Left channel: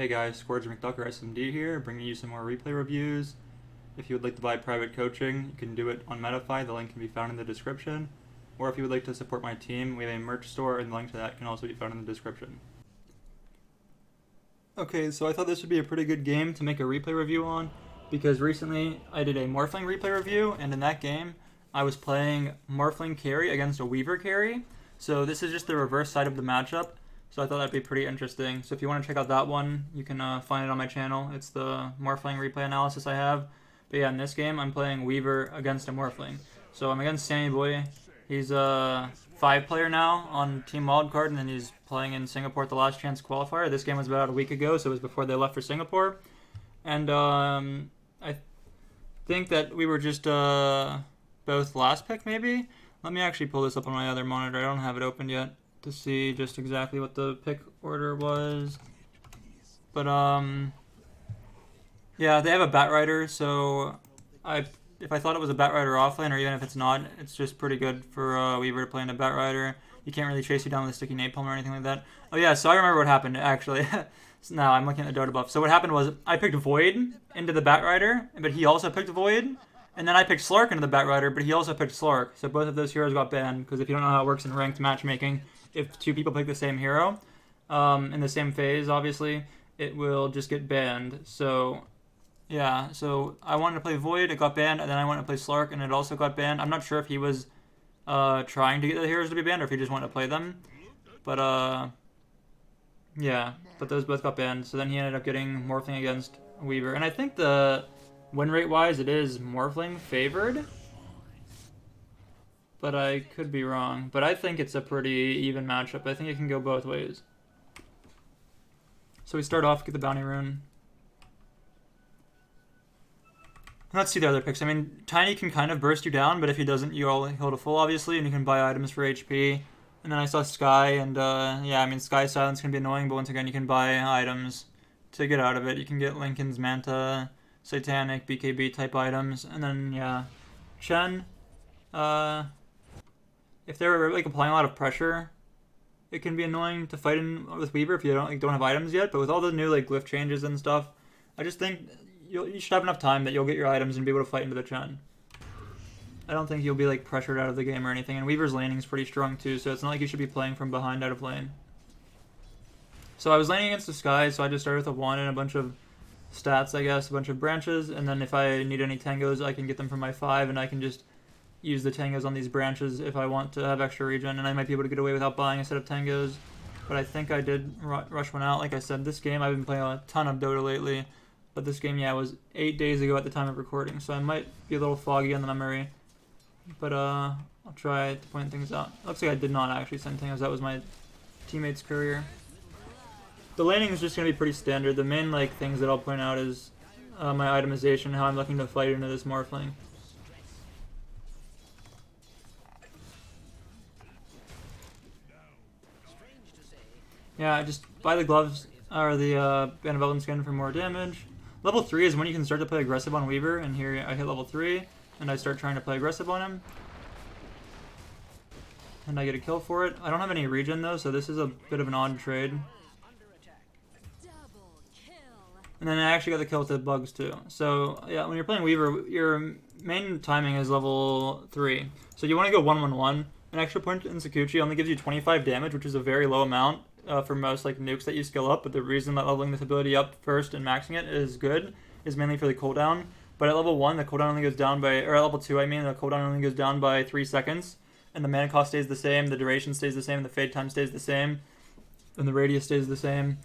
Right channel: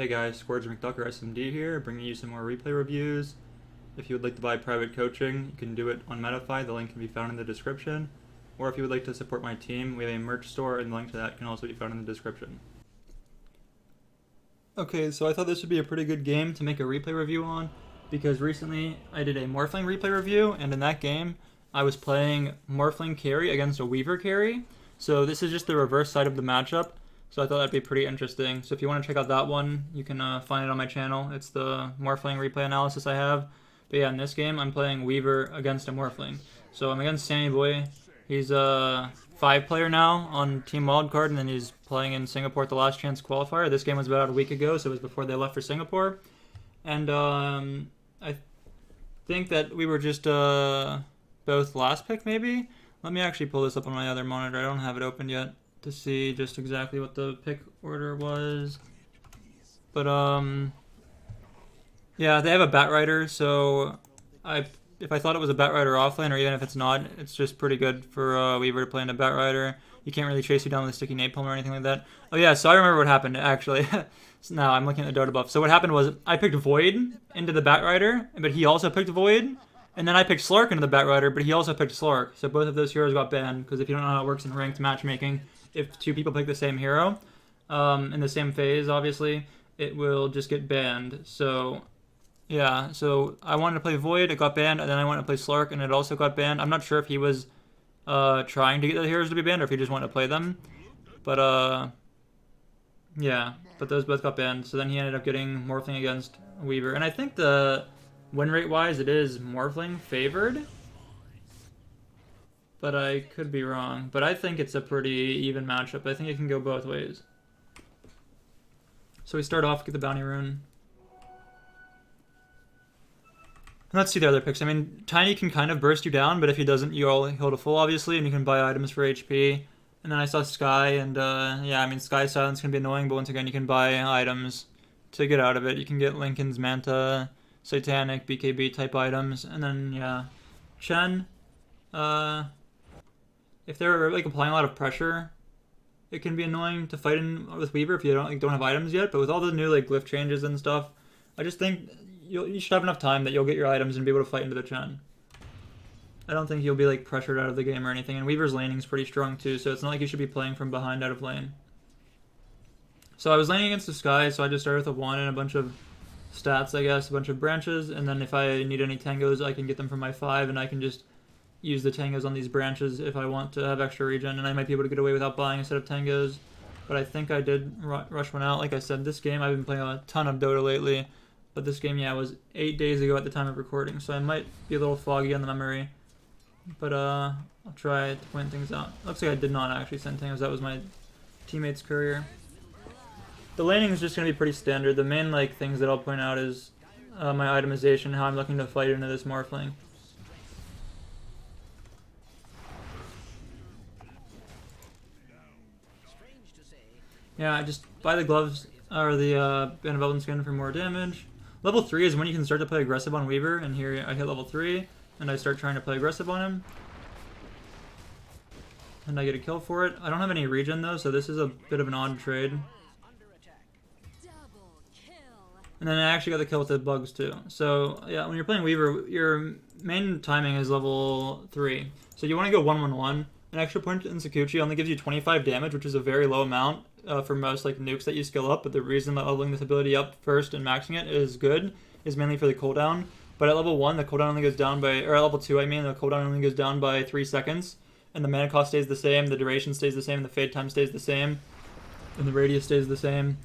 Hey guys, Scourge McDuck or SMD here, bringing you some more replay reviews. If you would like to buy private coaching, you can do it on Medify, the link can be found in the description. Or if you would like to support my team, we have a merch store and the link to that can also be found in the description. Okay, so I thought this would be a pretty good game to make a replay review on, because recently I did a Morphling replay review, and in that game I was playing Morphling carry against a Weaver carry. So this is just the reverse side of the matchup. So I thought that'd be pretty interesting. So if you want to check out that one, you can find it on my channel. It's the Morphling replay analysis I have. But yeah, in this game, I'm playing Weaver against a Morphling. So I'm against Sammy Boy. He's a 5-player now on Team Wildcard, and then he's playing in Singapore at the Last Chance qualifier. This game was about a week ago, so it was before they left for Singapore. And I think that we were just both last pick, maybe? Let me actually pull this up on my other monitor. I don't have it open yet to see just exactly what the pick order was. But yeah, they have a Batrider, so if I thought it was a Batrider offlane, or even if it's not, it's just pretty good for Weaver to play in a Batrider. You can't really chase you down with a sticky napalm or anything like that. Oh yeah, so I remember what happened actually. So now I'm looking at the Dota buff. So what happened was I picked Void into the Batrider, but he also picked Void. And then I picked Slark into the Batrider, but he also picked Slark. So both of those heroes got banned, because if you don't know how it works in ranked matchmaking, if two people pick the same hero in the same phase, obviously, it will just get banned. So yeah, so I wanted to play Void, it got banned, and then I wanted to play Slark, and it also got banned. I'm not sure if he was trying to get the heroes to be banned, or if he just wanted to play them. But yeah, but those both got banned. So then he ended up getting Morphling against Weaver. And I think the win rate wise, it is Morphling favored, but I could be wrong. But I think it's a pretty even matchup. I think it can go both ways. So we start off, get the bounty rune. Let's see the other picks. I mean, Tiny can kind of burst you down, but if he doesn't, you'll heal to full, obviously, and you can buy items for HP. And then I saw Sky, and yeah, I mean, Sky Silence can be annoying, but once again, you can buy items to get out of it. You can get Lincoln's Manta, Satanic, BKB type items, and then yeah, Chen. If they're like applying a lot of pressure, it can be annoying to fight in with Weaver if you don't have items yet. But with all the new like glyph changes and stuff, I just think you should have enough time that you'll get your items and be able to fight into the Chen. I don't think you'll be like pressured out of the game or anything. And Weaver's laning is pretty strong too, so it's not like you should be playing from behind out of lane. So I was laning against the Sky, so I just started with a 1 and a bunch of stats, I guess, a bunch of branches, and then if I need any tangos, I can get them from my 5, and I can just use the tangos on these branches if I want to have extra regen, and I might be able to get away without buying a set of tangos. But I think I did rush one out. Like I said, this game, I've been playing a ton of Dota lately, but this game, yeah, was 8 days ago at the time of recording, so I might be a little foggy on the memory. But I'll try to point things out. Looks like I did not actually send tangos. That was my teammate's courier. The laning is just going to be pretty standard. The main like things that I'll point out is my itemization, how I'm looking to fight into this Morphling. Yeah, I just buy the gloves or the Band of Elven Skin for more damage. Level 3 is when you can start to play aggressive on Weaver, and here I hit level 3, and I start trying to play aggressive on him. And I get a kill for it. I don't have any regen though, so this is a bit of an odd trade. And then I actually got the kill with the bugs too. So yeah, when you're playing Weaver, your main timing is level 3. So you want to go 1-1-1. An extra point in Sakuchi only gives you 25 damage, which is a very low amount for most like nukes that you skill up. But the reason that leveling this ability up first and maxing it is good is mainly for the cooldown. But at level 1, the cooldown only goes down by, or at level 2, I mean, the cooldown only goes down by 3 seconds. And the mana cost stays the same, the duration stays the same, the fade time stays the same, and the radius stays the same.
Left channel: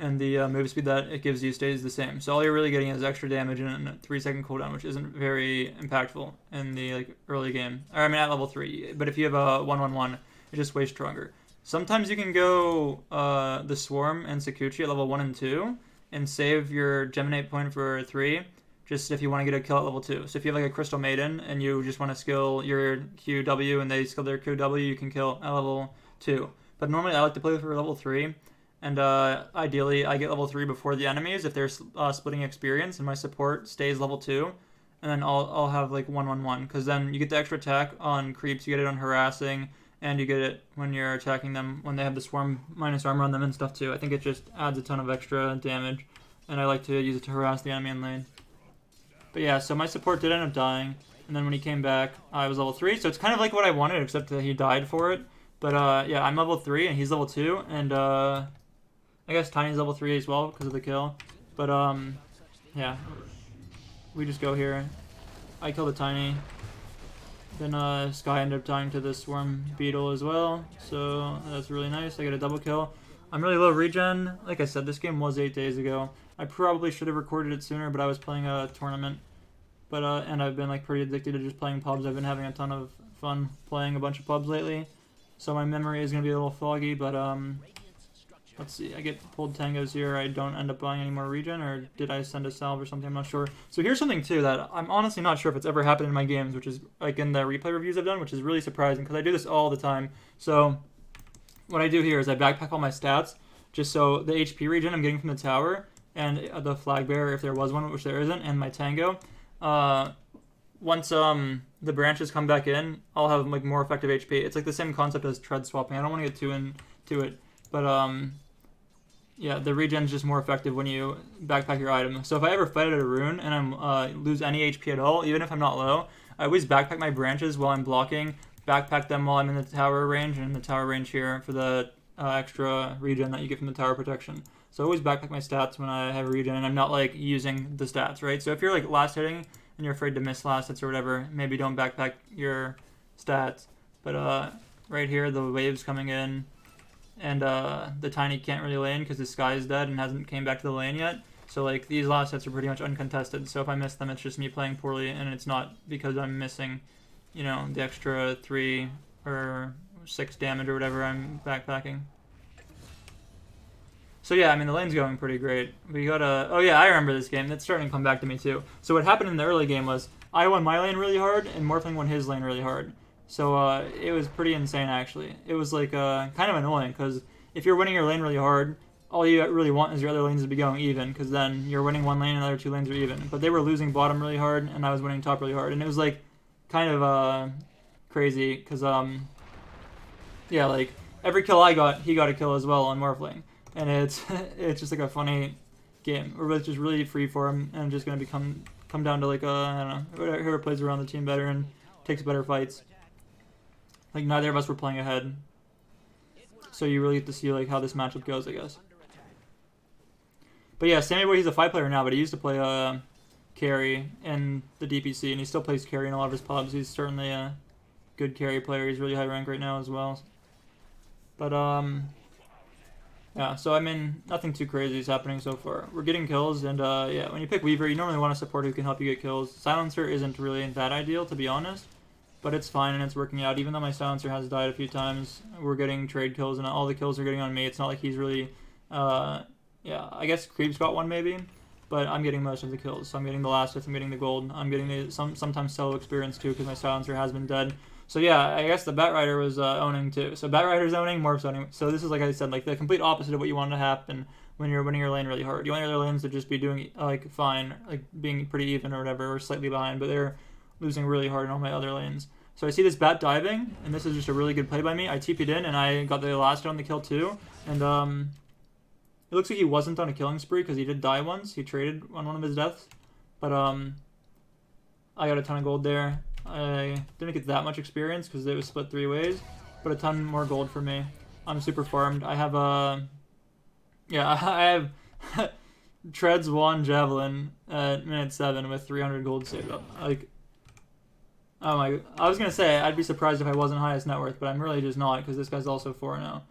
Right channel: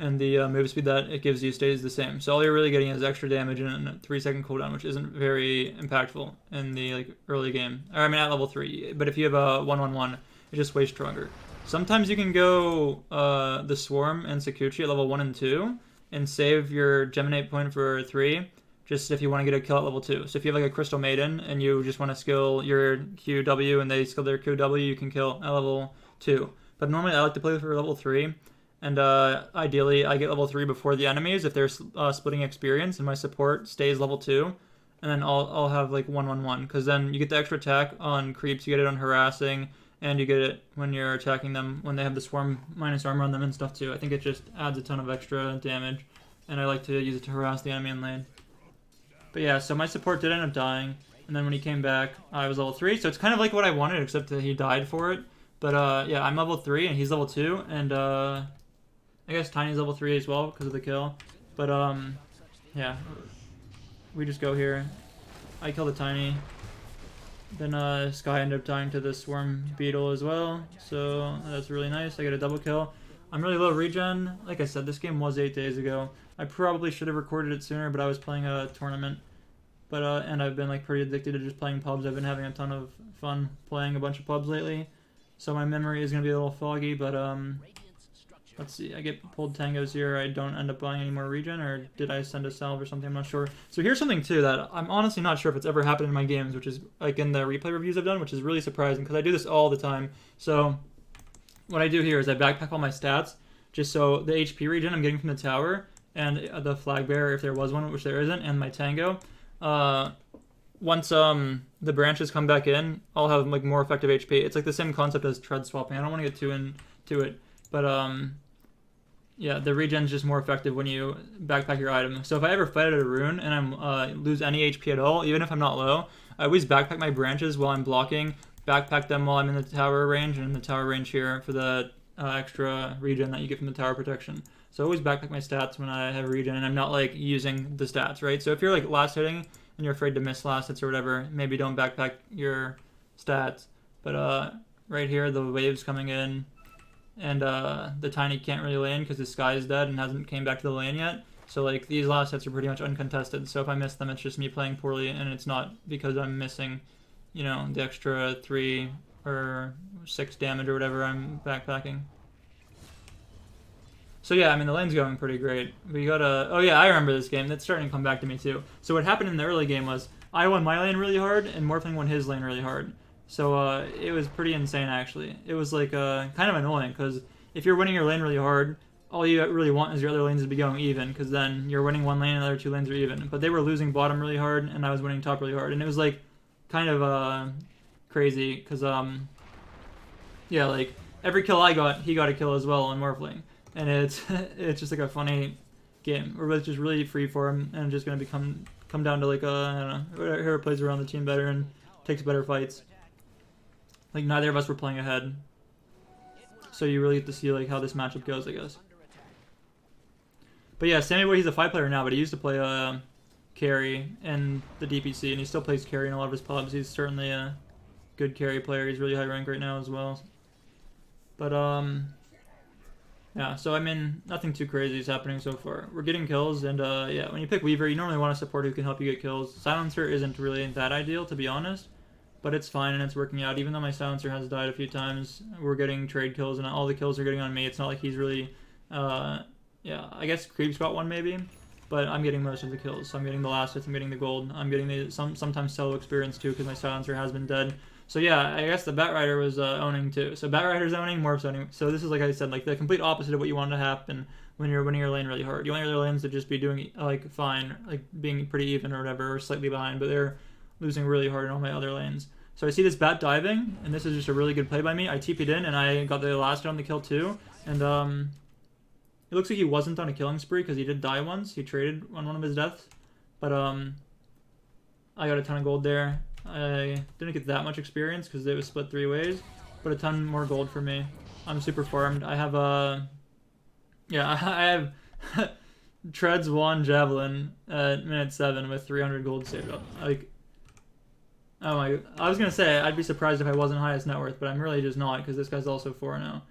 And the move speed that it gives you stays the same. So all you're really getting is extra damage and a 3-second cooldown, which isn't very impactful in the like early game. Or I mean at level 3. But if you have a 1-1-1, it's just way stronger. Sometimes you can go the Swarm and Sakuchi at level 1 and 2 and save your Geminate point for 3, just if you want to get a kill at level 2. So if you have like a Crystal Maiden and you just want to skill your QW and they skill their QW, you can kill at level 2. But normally I like to play for level 3. And ideally, I get level 3 before the enemies if they're splitting experience, and my support stays level 2. And then I'll have like 1-1-1, because then you get the extra attack on creeps, you get it on harassing, and you get it when you're attacking them when they have the swarm minus armor on them and stuff too. I think it just adds a ton of extra damage, and I like to use it to harass the enemy in lane. But yeah, so my support did end up dying, and then when he came back, I was level 3, so it's kind of like what I wanted, except that he died for it. But yeah, I'm level 3, and he's level 2, and I guess Tiny's level 3 as well because of the kill. But yeah, we just go here. I kill the Tiny. Then Sky ended up dying to the Swarm Beetle as well, so that's really nice. I get a double kill. I'm really low regen. Like I said, this game was 8 days ago. I probably should have recorded it sooner, but I was playing a tournament. But and I've been like pretty addicted to just playing pubs. I've been having a ton of fun playing a bunch of pubs lately. So my memory is gonna be a little foggy, but let's see. I get pulled tangos here. I don't end up buying any more regen, or did I send a salve or something? I'm not sure. So here's something too that I'm honestly not sure if it's ever happened in my games, which is like in the replay reviews I've done, which is really surprising because I do this all the time. So what I do here is I backpack all my stats, just so the HP regen I'm getting from the tower and the flag bearer, if there was one, which there isn't, and my tango. Once the branches come back in, I'll have like more effective HP. It's like the same concept as tread swapping. I don't want to get too into it, but yeah, the regen's just more effective when you backpack your item. So if I ever fight at a rune and I'm lose any HP at all, even if I'm not low, I always backpack my branches while I'm blocking, backpack them while I'm in the tower range, and in the tower range here for the extra regen that you get from the tower protection. So I always backpack my stats when I have regen and I'm not like using the stats, right? So if you're like last hitting and you're afraid to miss last hits or whatever, maybe don't backpack your stats. But right here, the wave's coming in, and the Tiny can't really lane because the Sky is dead and hasn't came back to the lane yet. So like these last hits are pretty much uncontested. So if I miss them, it's just me playing poorly, and it's not because I'm missing, you know, the extra 3 or 6 damage or whatever I'm backpacking. So yeah, I mean, the lane's going pretty great. We got a... Oh yeah, I remember this game. That's starting to come back to me too. So what happened in the early game was I won my lane really hard, and Morphling won his lane really hard. So it was pretty insane, actually. It was like kind of annoying, because if you're winning your lane really hard, all you really want is your other lanes to be going even, because then you're winning one lane and the other 2 lanes are even. But they were losing bottom really hard, and I was winning top really hard. And it was like kind of crazy, because yeah, like every kill I got, he got a kill as well on Morphling. And it's just like a funny game. We're both just really free for him, and just gonna come down to like I don't know, whoever plays around the team better and takes better fights. Like neither of us were playing ahead, so you really get to see like how this matchup goes, I guess. But yeah, Sammy Boy, he's a 5 player now, but he used to play carry in the DPC, and he still plays carry in a lot of his pubs. He's certainly a good carry player. He's really high rank right now as well. But yeah, so I mean, nothing too crazy is happening so far. We're getting kills, and yeah, when you pick Weaver, you normally want a support who can help you get kills. Silencer isn't really that ideal, to be honest, but it's fine and it's working out. Even though my Silencer has died a few times, we're getting trade kills, and all the kills are getting on me. It's not like he's really, yeah, I guess Creep's got one maybe, but I'm getting most of the kills. So I'm getting the last hits, I'm getting the gold, I'm getting the sometimes solo experience too, because my Silencer has been dead. So yeah, I guess the Batrider was owning too. So Batrider's owning, Morph's owning. So this is, like I said, like the complete opposite of what you want to happen when you're winning your lane really hard. You want your other lanes to just be doing like fine, like being pretty even or whatever, or slightly behind, but they're losing really hard in all my other lanes. So I see this bat diving, and this is just a really good play by me. I TP'd in, and I got the last hit on the kill too. And it looks like he wasn't on a killing spree because he did die once. He traded on one of his deaths, but I got a ton of gold there. I didn't get that much experience because it was split 3 ways, but a ton more gold for me. I'm super farmed. I have yeah, I have Treads 1 Javelin at minute 7 with 300 gold saved up. Like, oh my, I was gonna say I'd be surprised if I wasn't highest net worth, but I'm really just not, because this guy's also 4 now.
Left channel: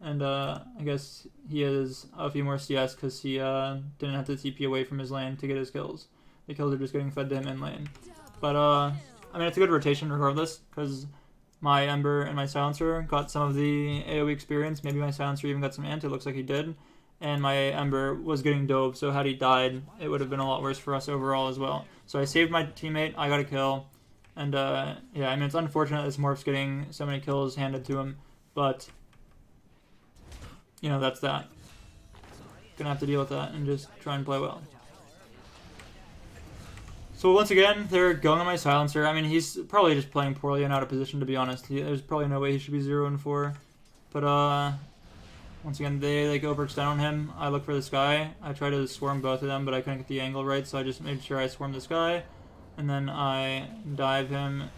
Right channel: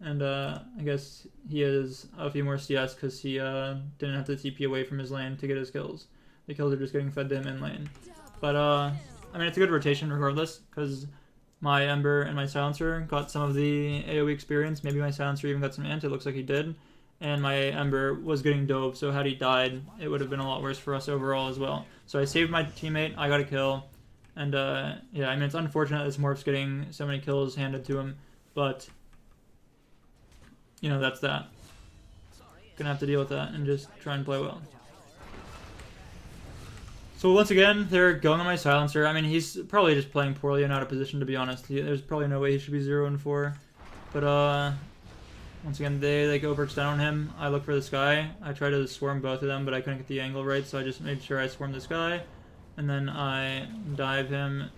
And I guess he has a few more CS because he didn't have to TP away from his lane to get his kills. The kills are just getting fed to him in lane. But I mean, it's a good rotation regardless, because my Ember and my Silencer got some of the AoE experience. Maybe my Silencer even got some ant, it looks like he did. And my Ember was getting dove, so had he died, it would have been a lot worse for us overall as well. So I saved my teammate, I got a kill. And yeah, I mean, it's unfortunate this Morph's getting so many kills handed to him, but, you know, that's that. Gonna have to deal with that and just try and play well. So once again, they're going on my silencer. I mean, he's probably just playing poorly and out of position, to be honest. There's probably no way he should be 0-4. But once again, they like overextend on him. I look for this guy. I try to swarm both of them, but I couldn't get the angle right, so I just made sure I swarm this guy. And then I dive him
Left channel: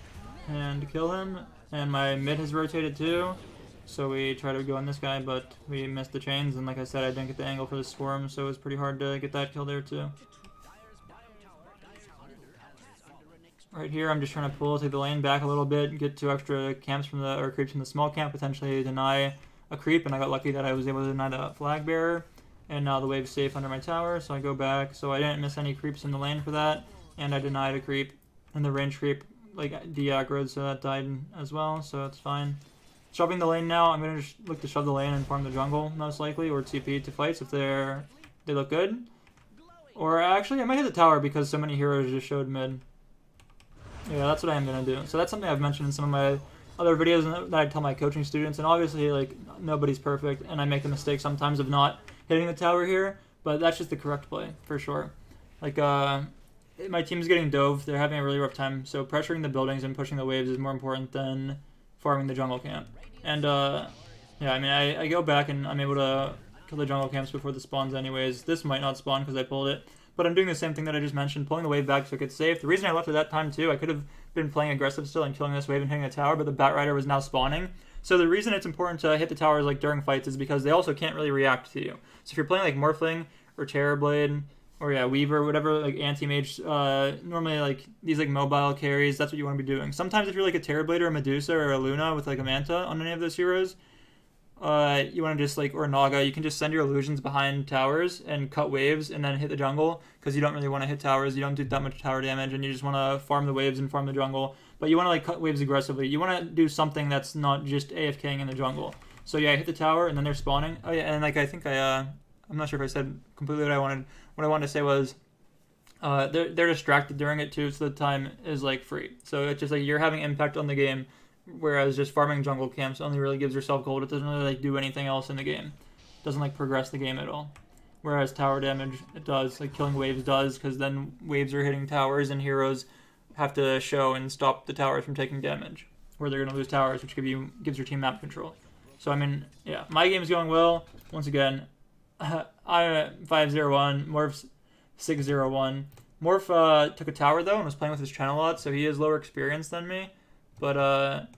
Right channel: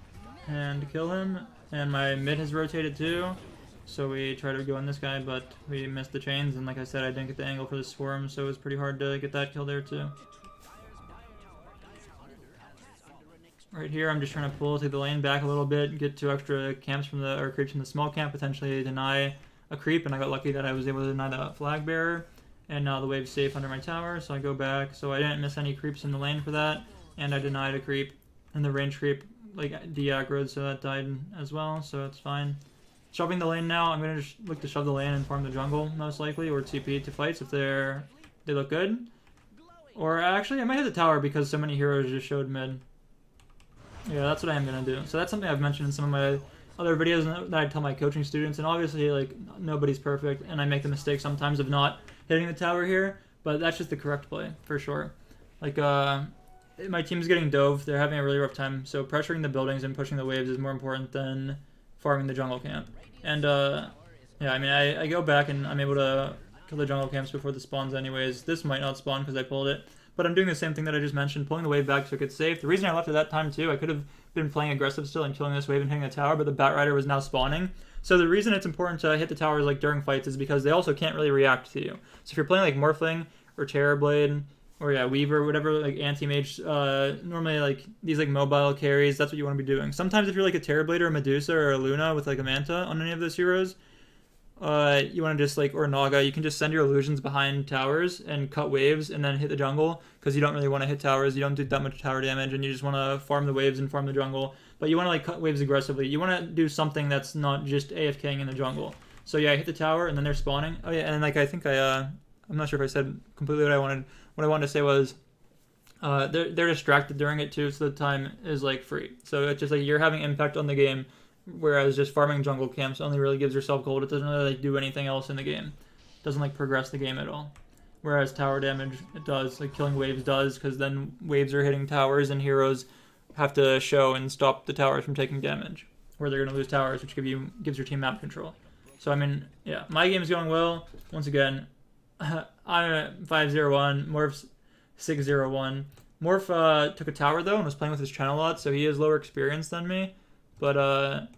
and kill him. And my mid has rotated too. So we try to go on this guy, but we missed the chains. And like I said, I didn't get the angle for the swarm, so it was pretty hard to get that kill there too. Right here, I'm just trying to take the lane back a little bit, get 2 extra camps from the, or creeps from the small camp, potentially deny a creep, and I got lucky that I was able to deny the flag bearer, and now the wave's safe under my tower, so I go back, so I didn't miss any creeps in the lane for that, and I denied a creep, and the range creep, like, de-aggroed, so that died as well, so it's fine. Shoving the lane now, I'm going to just look to shove the lane and farm the jungle, most likely, or TP to fights if they look good. Or actually, I might hit the tower because so many heroes just showed mid. Yeah, that's what I am going to do. So that's something I've mentioned in some of my other videos that I tell my coaching students. And obviously, like, nobody's perfect. And I make the mistake sometimes of not hitting the tower here. But that's just the correct play, for sure. Like, my team's getting dove. They're having a really rough time. So pressuring the buildings and pushing the waves is more important than farming the jungle camp. And, yeah, I mean, I go back and I'm able to kill the jungle camps before the spawns anyways. This might not spawn because I pulled it. But I'm doing the same thing that I just mentioned, pulling the wave back so it's safe. The reason I left at that time, too, I could have been playing aggressive still and killing this wave and hitting the tower, but the Bat Rider was now spawning. So the reason it's important to hit the towers like during fights is because they also can't really react to you. So if you're playing like Morphling or Terrorblade or yeah, Weaver, whatever, like anti-mage, normally like these like mobile carries, that's what you want to be doing. Sometimes if you're like a Terrorblade or a Medusa or a Luna with like a Manta on any of those heroes, you want to just like, or Naga, you can just send your illusions behind towers and cut waves and then hit the jungle because you don't really want to hit towers. You don't do that much tower damage and you just want to farm the waves and farm the jungle. But you want to like cut waves aggressively. You want to do something that's not just AFKing in the jungle. So yeah, I hit the tower and then they're spawning. Oh yeah, and like I think I'm not sure if I said completely what I wanted. What I wanted to say was they're distracted during it too, so the time is like free. So it's just like you're having impact on the game. Whereas just farming jungle camps only really gives yourself gold. It doesn't really like do anything else in the game. It doesn't like progress the game at all. Whereas tower damage, it does. Like killing waves does, because then waves are hitting towers and heroes have to show and stop the towers from taking damage. Where they're going to lose towers, which gives your team map control. So I mean, yeah, my game is going well. Once again, I'm 5-0-1, Morph's 6-0-1. Morph took a tower though and was playing with his channel a lot, so he has lower experience than me. But,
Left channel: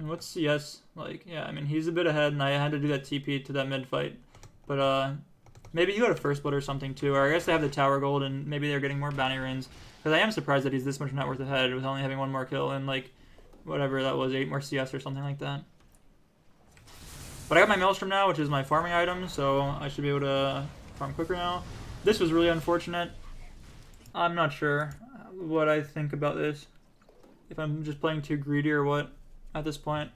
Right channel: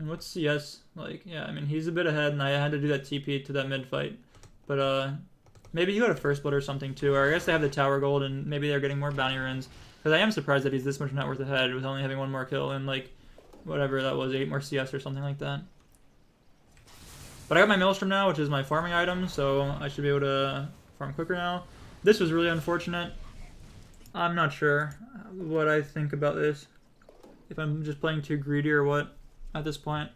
what's CS like? Yeah, I mean, he's a bit ahead, and I had to do that TP to that mid fight. But, maybe he got a first blood or something, too. Or I guess they have the tower gold, and maybe they're getting more bounty runes. Because I am surprised that he's this much net worth ahead with only having 1 more kill and, like, whatever that was, 8 more CS or something like that. But I got my Maelstrom now, which is my farming item, so I should be able to farm quicker now. This was really unfortunate. I'm not sure what I think about this. If I'm just playing too greedy or what at this point.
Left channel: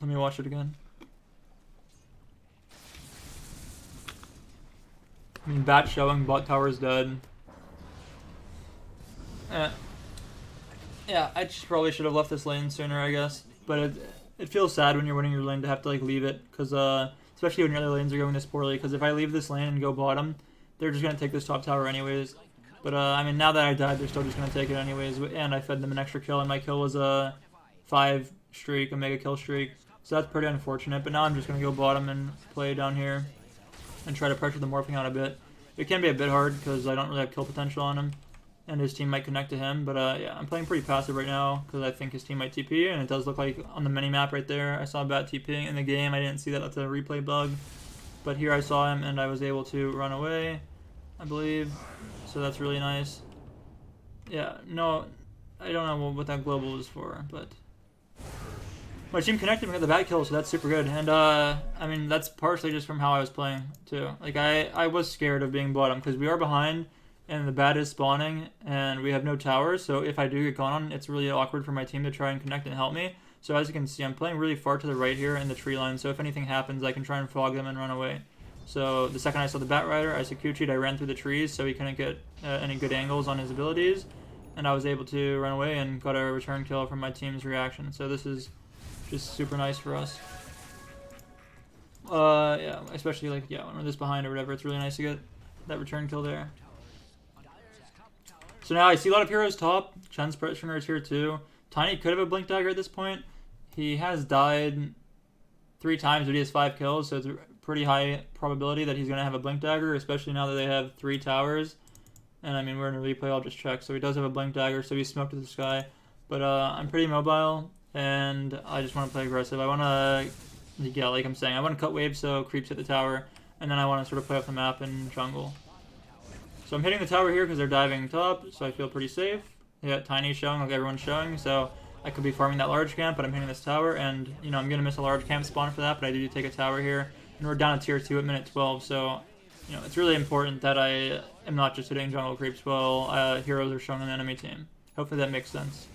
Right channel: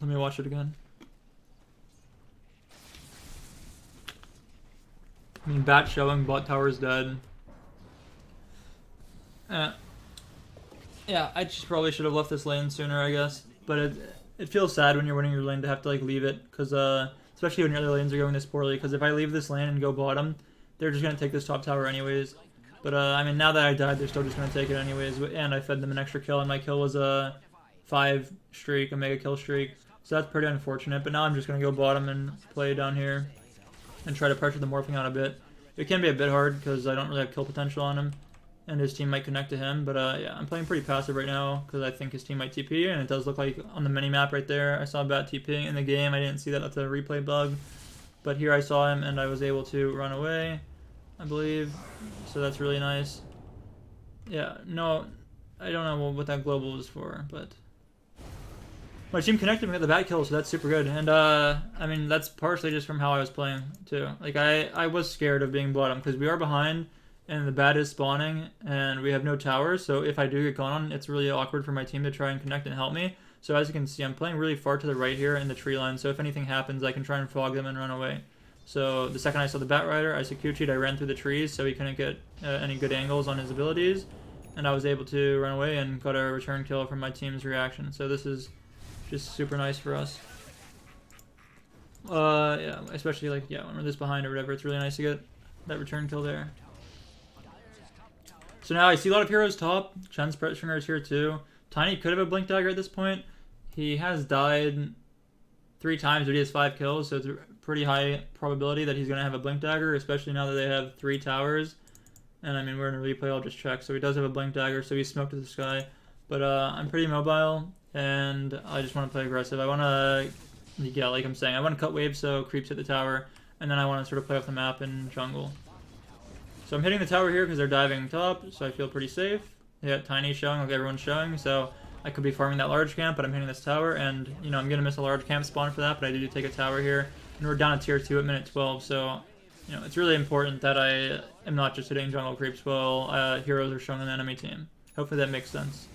Let me watch it again. I mean, bat showing, bot tower's dead. Yeah, I just probably should have left this lane sooner, I guess. But it feels sad when you're winning your lane to have to like leave it, because especially when your other lanes are going this poorly. Because if I leave this lane and go bottom, they're just gonna take this top tower anyways. But, I mean, now that I died, they're still just going to take it anyways. And I fed them an extra kill, and my kill was a 5 streak, a mega kill streak. So that's pretty unfortunate. But now I'm just going to go bottom and play down here and try to pressure the Morphing out a bit. It can be a bit hard because I don't really have kill potential on him. And his team might connect to him. But, yeah, I'm playing pretty passive right now because I think his team might TP. And it does look like on the mini-map right there, I saw Bat TPing in the game. I didn't see that. That's a replay bug. But here I saw him, and I was able to run away, I believe. So that's really nice. Yeah, no, I don't know what that global is for, but my team connected and got the bat kill, so that's super good. And I mean, that's partially just from how I was playing too. Like I was scared of being bottom because we are behind and the bat is spawning and we have no towers. So if I do get gone on, it's really awkward for my team to try and connect and help me. So as you can see, I'm playing really far to the right here in the tree line. So if anything happens, I can try and fog them and run away. So the second I saw the Bat Rider, I Sakuchi'd, I ran through the trees so he couldn't get any good angles on his abilities. And I was able to run away and got a return kill from my team's reaction. So this is just super nice for us. Yeah, especially like, yeah, when we're this behind or whatever, it's really nice to get that return kill there. So now I see a lot of heroes top. Chen's pressuring is here too. Tiny could have a blink dagger at this point. He has died 3 times, but he has 5 kills, so it's a pretty high probability that he's going to have a blink dagger, especially now that they have 3 towers. And I mean, we're in a replay, I'll just check. So he does have a blink dagger, so he's smoked to the sky. But I'm pretty mobile, and I just want to play aggressive. I want to, yeah, like I'm saying, I want to cut waves so creeps hit the tower, and then I want to sort of play off the map in jungle. So I'm hitting the tower here because they're diving top, so I feel pretty safe. They got Tiny showing, like everyone's showing, so I could be farming that large camp, but I'm hitting this tower, and, you know, I'm going to miss a large camp spawn for that, but I do take a tower here. And we're down to tier 2 at minute 12, so, you know, it's really important that I am not just hitting jungle creeps while heroes are showing on the enemy team. Hopefully that makes sense.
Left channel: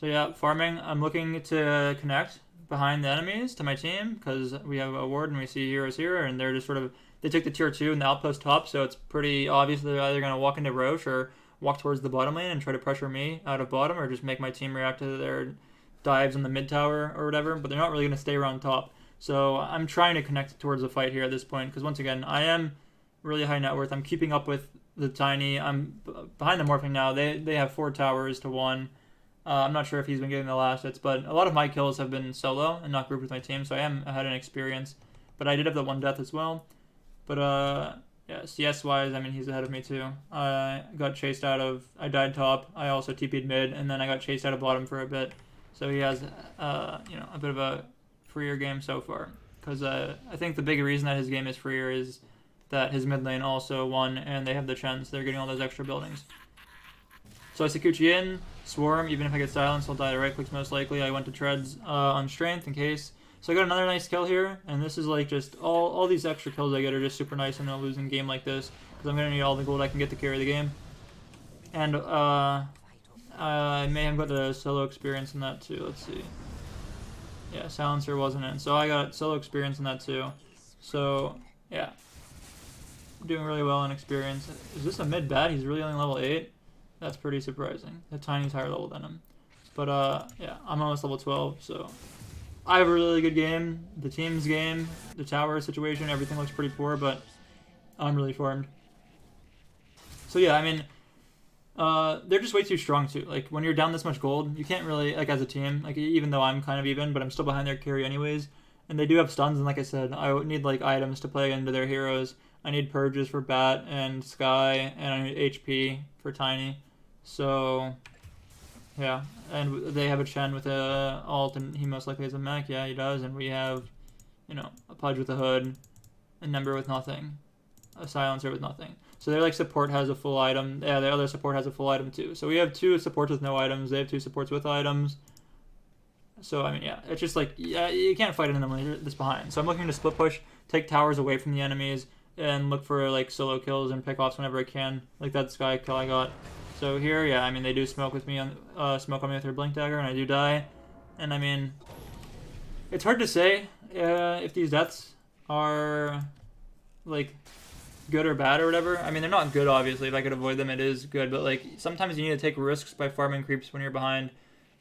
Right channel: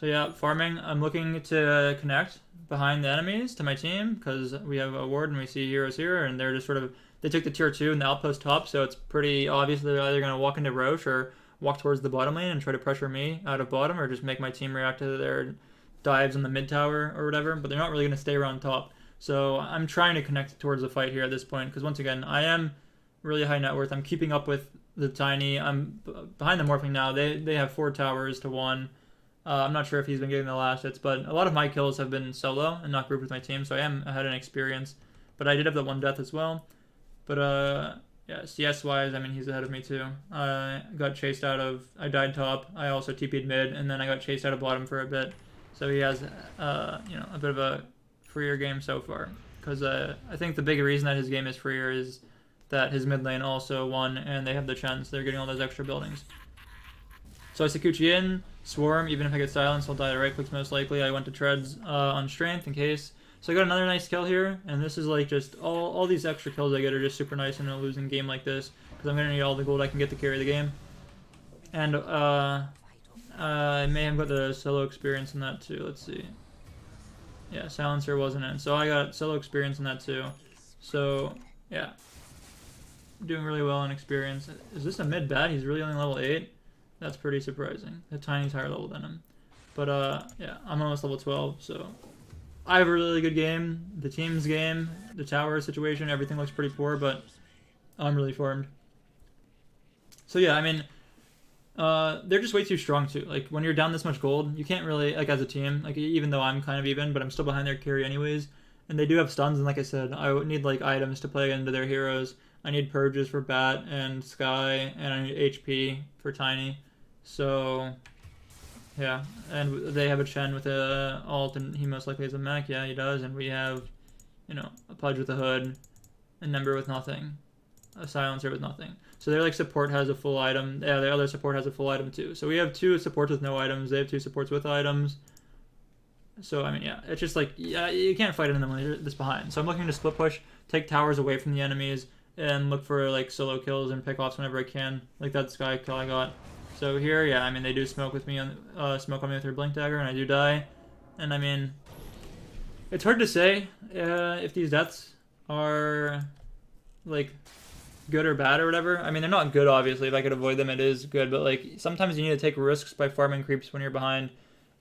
So yeah, farming, I'm looking to connect behind the enemies to my team, because we have a ward and we see heroes here, and they're just sort of, they took the tier 2 and the outpost top, so it's pretty obvious they're either going to walk into Roche or walk towards the bottom lane and try to pressure me out of bottom, or just make my team react to their dives in the mid tower or whatever, but they're not really going to stay around top. So I'm trying to connect towards the fight here at this point, because once again, I am really high net worth. I'm keeping up with the Tiny. I'm behind the Morphling now. They have 4 towers to 1. I'm not sure if he's been getting the last hits, but a lot of my kills have been solo and not grouped with my team, so I am ahead in experience. But I did have that 1 death as well. But yeah, CS-wise, I mean, he's ahead of me too. I got chased out of, I died top. I also TP'd mid, and then I got chased out of bottom for a bit. So he has, you know, a bit of a freer game so far. Because I think the big reason that his game is freer is that his mid lane also won, and they have the chance. They're getting all those extra buildings. So I Sikuchi in, Swarm, even if I get silenced, I'll die to right clicks most likely. I went to treads on strength in case. So I got another nice kill here, and this is like just, all these extra kills I get are just super nice in a losing game like this, because I'm going to need all the gold I can get to carry the game. And I may have got the solo experience in that too, let's see. Yeah, silencer wasn't in, so I got solo experience in that too. So, yeah. Doing really well in experience. Is this a mid bat? He's really only level 8? That's pretty surprising. The Tiny's higher level than him. But yeah, I'm almost level 12, so I have a really good game. The team's game, the tower situation, everything looks pretty poor, but I'm really farmed. So yeah, I mean, they're just way too strong too. Like, when you're down this much gold, you can't really, like, as a team, like, even though I'm kind of even, but I'm still behind their carry anyways. And they do have stuns, and like I said, I would need, like, items to play into their heroes. I need purges for Bat and Sky, and I need HP for Tiny. So, yeah. And they have a Chen with a ult, and he most likely has a mech. Yeah, he does. And we have, you know, a Pudge with a hood, a Nember with nothing, a Silencer with nothing. So their, like, support has a full item. Yeah, their other support has a full item too. So we have 2 supports with no items. They have 2 supports with items. So, I mean, yeah, it's just like, yeah, you can't fight them when you're this behind. So I'm looking to split push, take towers away from the enemies, and look for, like, solo kills and pick offs whenever I can. Like that Sky kill I got. So here, yeah, I mean, they do smoke with me on smoke on me with their blink dagger, and I do die. And I mean, it's hard to say if these deaths are, like, good or bad or whatever. I mean, they're not good, obviously. If I could avoid them, it is good. But, like, sometimes you need to take risks by farming creeps when you're behind.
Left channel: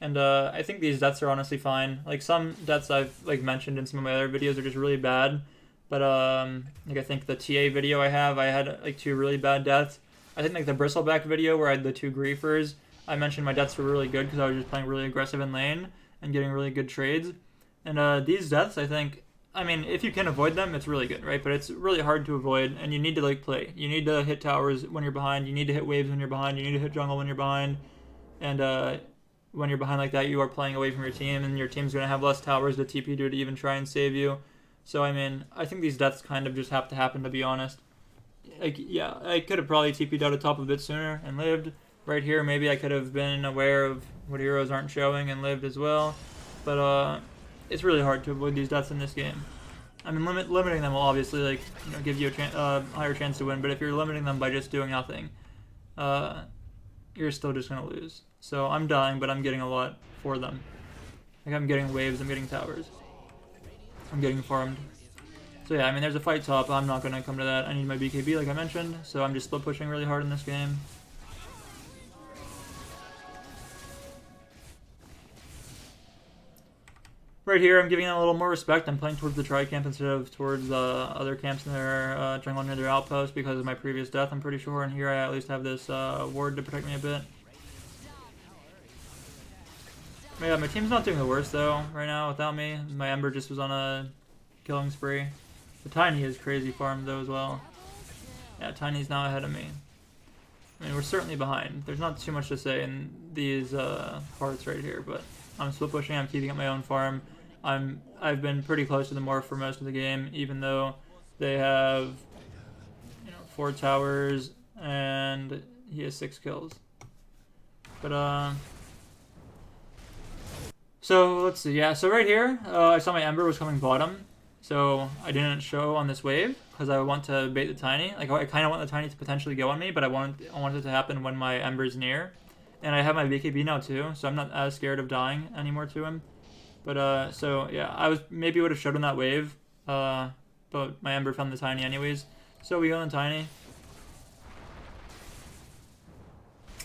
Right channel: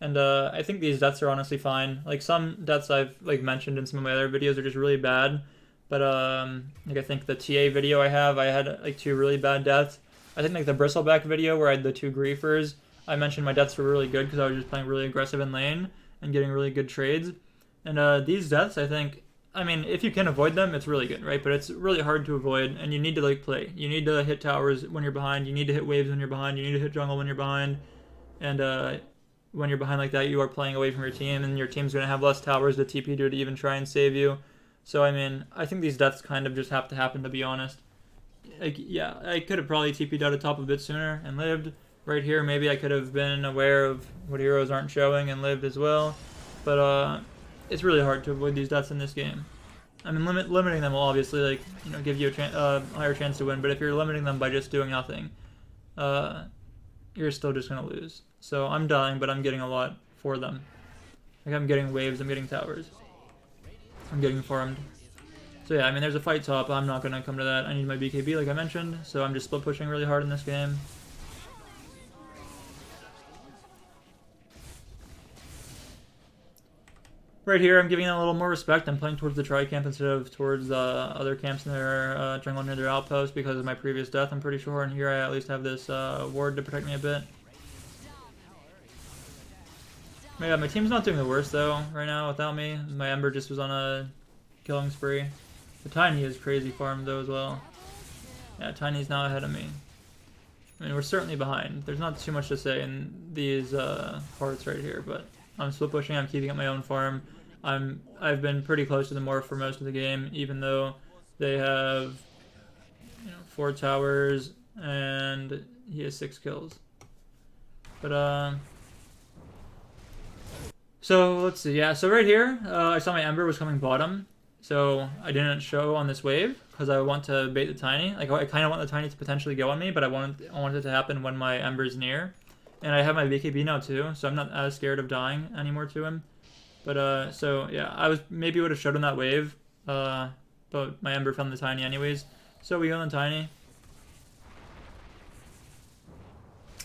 And I think these deaths are honestly fine. Like, some deaths I've, like, mentioned in some of my other videos are just really bad. But, like, I think the TA video I had, like, 2 really bad deaths. I think, like, the Bristleback video where I had the 2 griefers, I mentioned my deaths were really good because I was just playing really aggressive in lane and getting really good trades. And these deaths, I think, I mean, if you can avoid them, it's really good, right? But it's really hard to avoid, and you need to, like, play. You need to hit towers when you're behind. You need to hit waves when you're behind. You need to hit jungle when you're behind. And when you're behind like that, you are playing away from your team, and your team's going to have less towers to TP to even try and save you. So, I mean, I think these deaths kind of just have to happen, to be honest. Like, yeah, I could have probably TP'd out of top a bit sooner and lived. Right here, maybe I could have been aware of what heroes aren't showing and lived as well. But it's really hard to avoid these deaths in this game. I mean, limiting them will obviously, like, you know, give you a higher chance to win. But if you're limiting them by just doing nothing, you're still just going to lose. So I'm dying, but I'm getting a lot for them. Like, I'm getting waves, I'm getting towers. I'm getting farmed. So yeah, I mean, there's a fight top. I'm not going to come to that. I need my BKB, like I mentioned. So I'm just split pushing really hard in this game. right here, I'm giving it a little more respect. I'm playing towards the tri camp instead of towards the other camps in their jungle near their outpost because of my previous death, I'm pretty sure. And here I at least have this ward to protect me a bit. But yeah, my team's not doing the worst though right now without me. My Ember just was on a killing spree. The Tiny is crazy farmed though as well. Yeah, Tiny's now ahead of me. I mean, we're certainly behind. There's not too much to say in these parts right here, but I'm split pushing. I'm keeping up my own farm. I've been pretty close to the morph for most of the game, even though they have 4 towers and he has 6 kills. But so let's see. Yeah, so right here, I saw my Ember was coming bottom, so I didn't show on this wave because I want to bait the Tiny. Like I kind of want the Tiny to potentially go on me, but I wanted it to happen when my Ember's near. And I have my BKB now too, so I'm not as scared of dying anymore to him. But so yeah, I maybe would have showed him that wave, but my Ember found the Tiny anyways. So we go on Tiny,